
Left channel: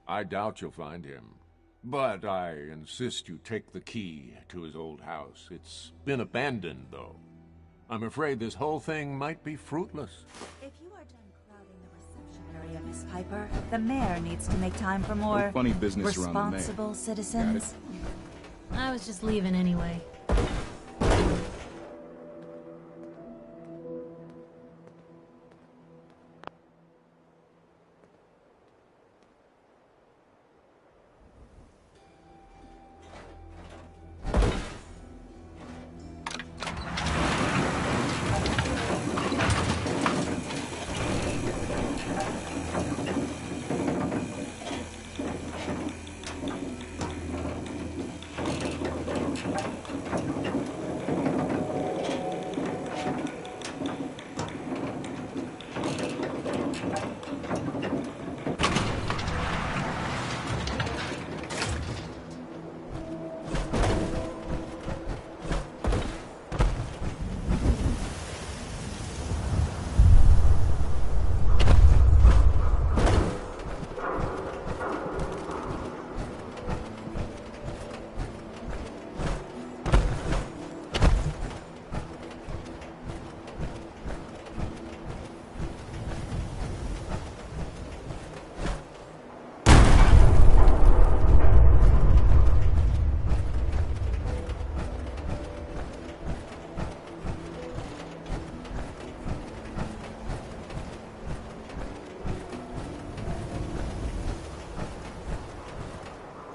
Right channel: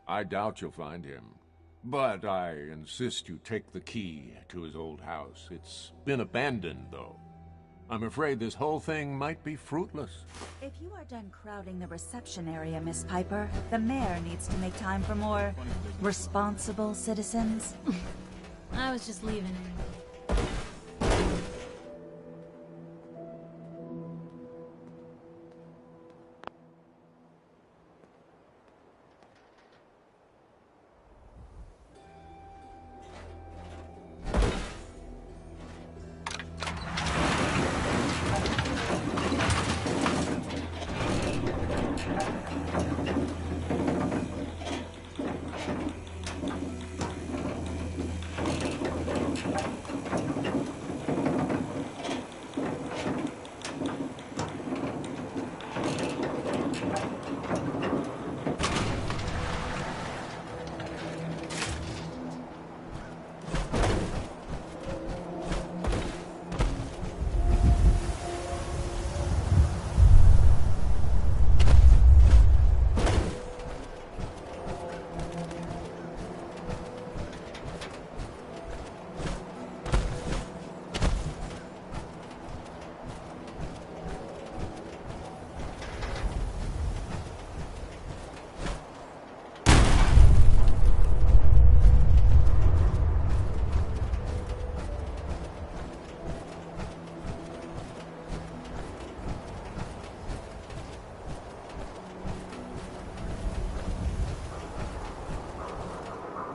I doubt you'll find him. But I insist you take the key to his old house. It's been abandoned, though. I'm afraid this whole thing might be fruitless. If you are done crowding the reception area, Miss Piper, the mayor needs to make time for more Funny business responsible citizens. I was just leaving anyway.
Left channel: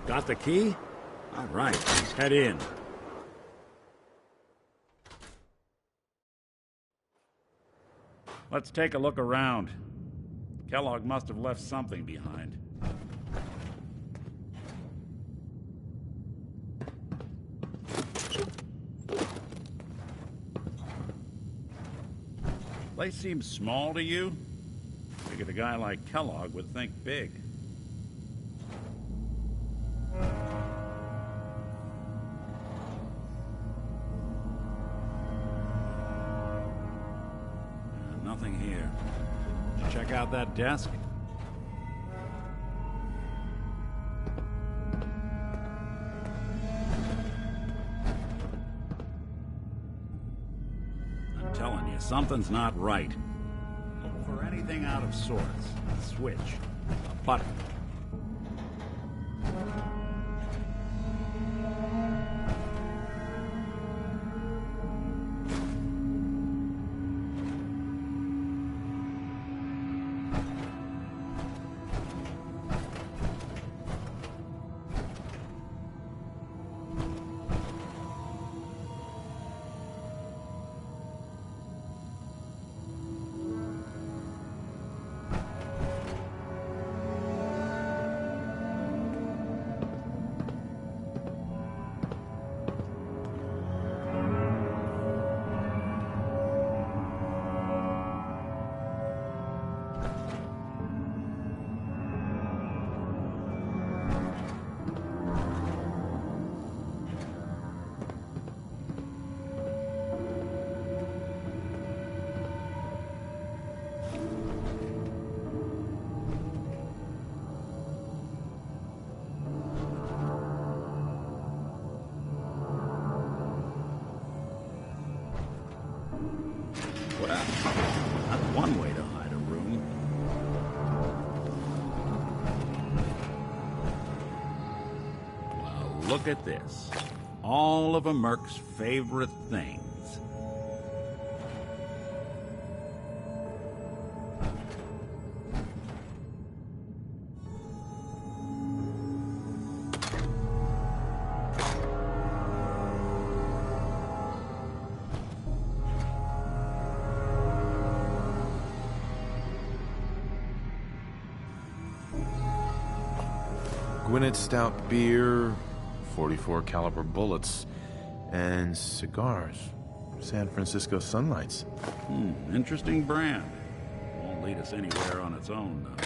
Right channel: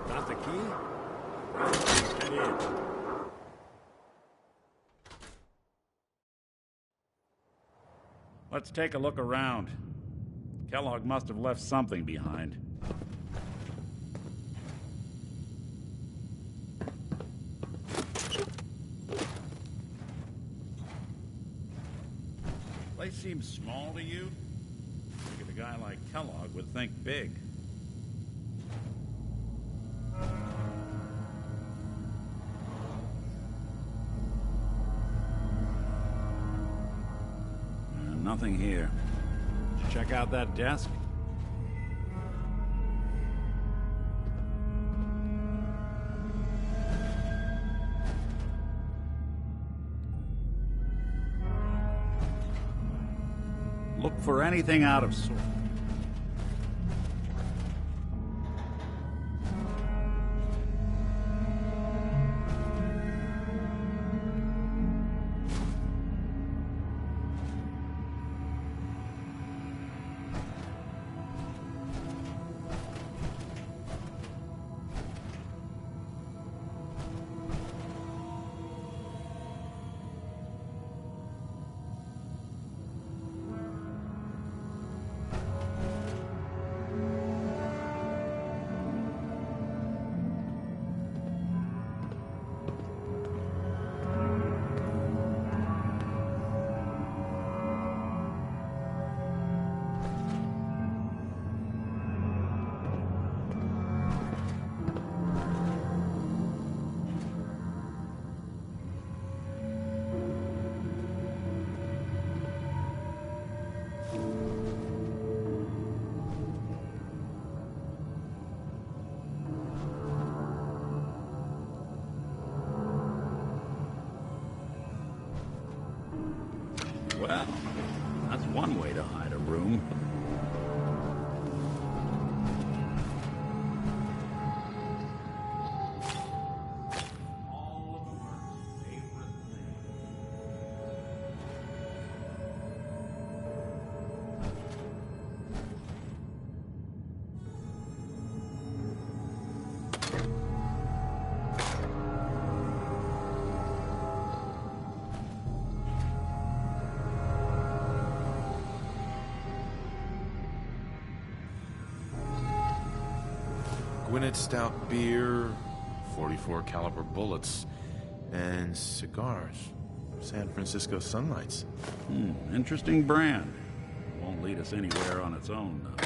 Got the key? All right, let's head in. Let's take a look around. Kellogg must have left something behind. Place seems small to you? Figured a guy like Kellogg would think big. Nothing here. Did you check out that desk? I'm telling you, something's not right. Look for anything out of sorts. A switch. A button. Well, that's one way to hide a room. Well, look at this. All of a merc's favorite things. Gwinnett stout beer, 44 caliber bullets, and cigars. San Francisco Sunlights. Interesting brand. Won't lead us anywhere on its own, though.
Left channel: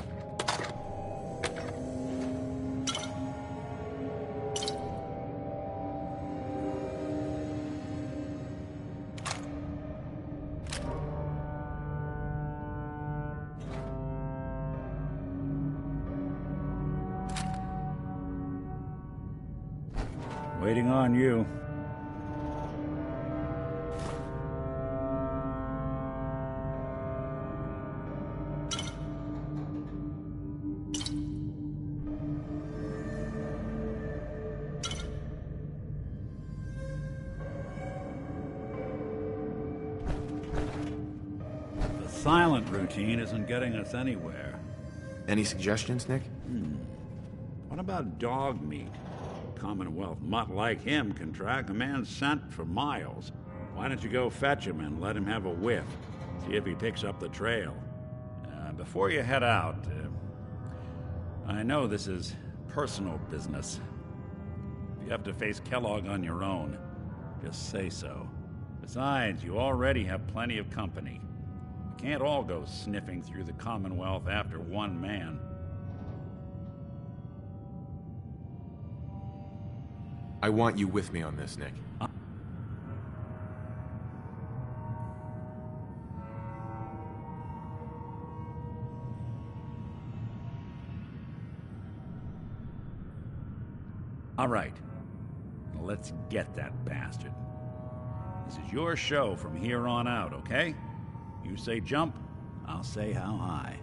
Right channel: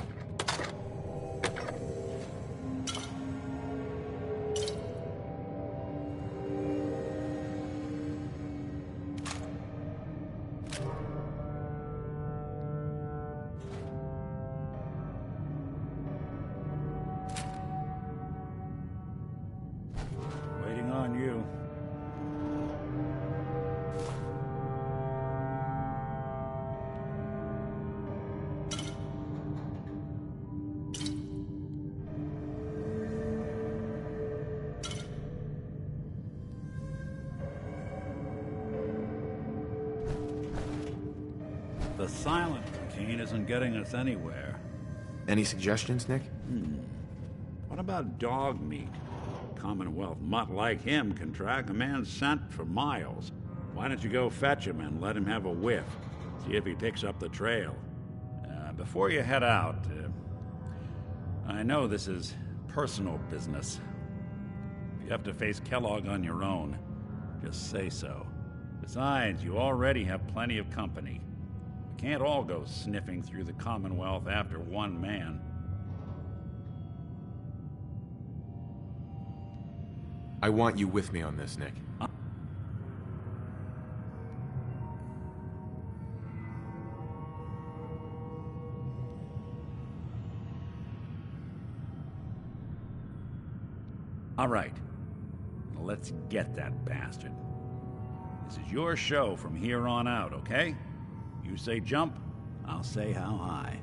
Waiting on you. The silent routine isn't getting us anywhere. Any suggestions, Nick? What about dog meat? Commonwealth mutt like him can track a man's scent for miles. Why don't you go fetch him and let him have a whiff? See if he picks up the trail. Before you head out, I know this is personal business. If you have to face Kellogg on your own, just say so. Besides, you already have plenty of company. We can't all go sniffing through the Commonwealth after one man. I want you with me on this, Nick. All right. Let's get that bastard. This is your show from here on out, okay? You say jump, I'll say how high.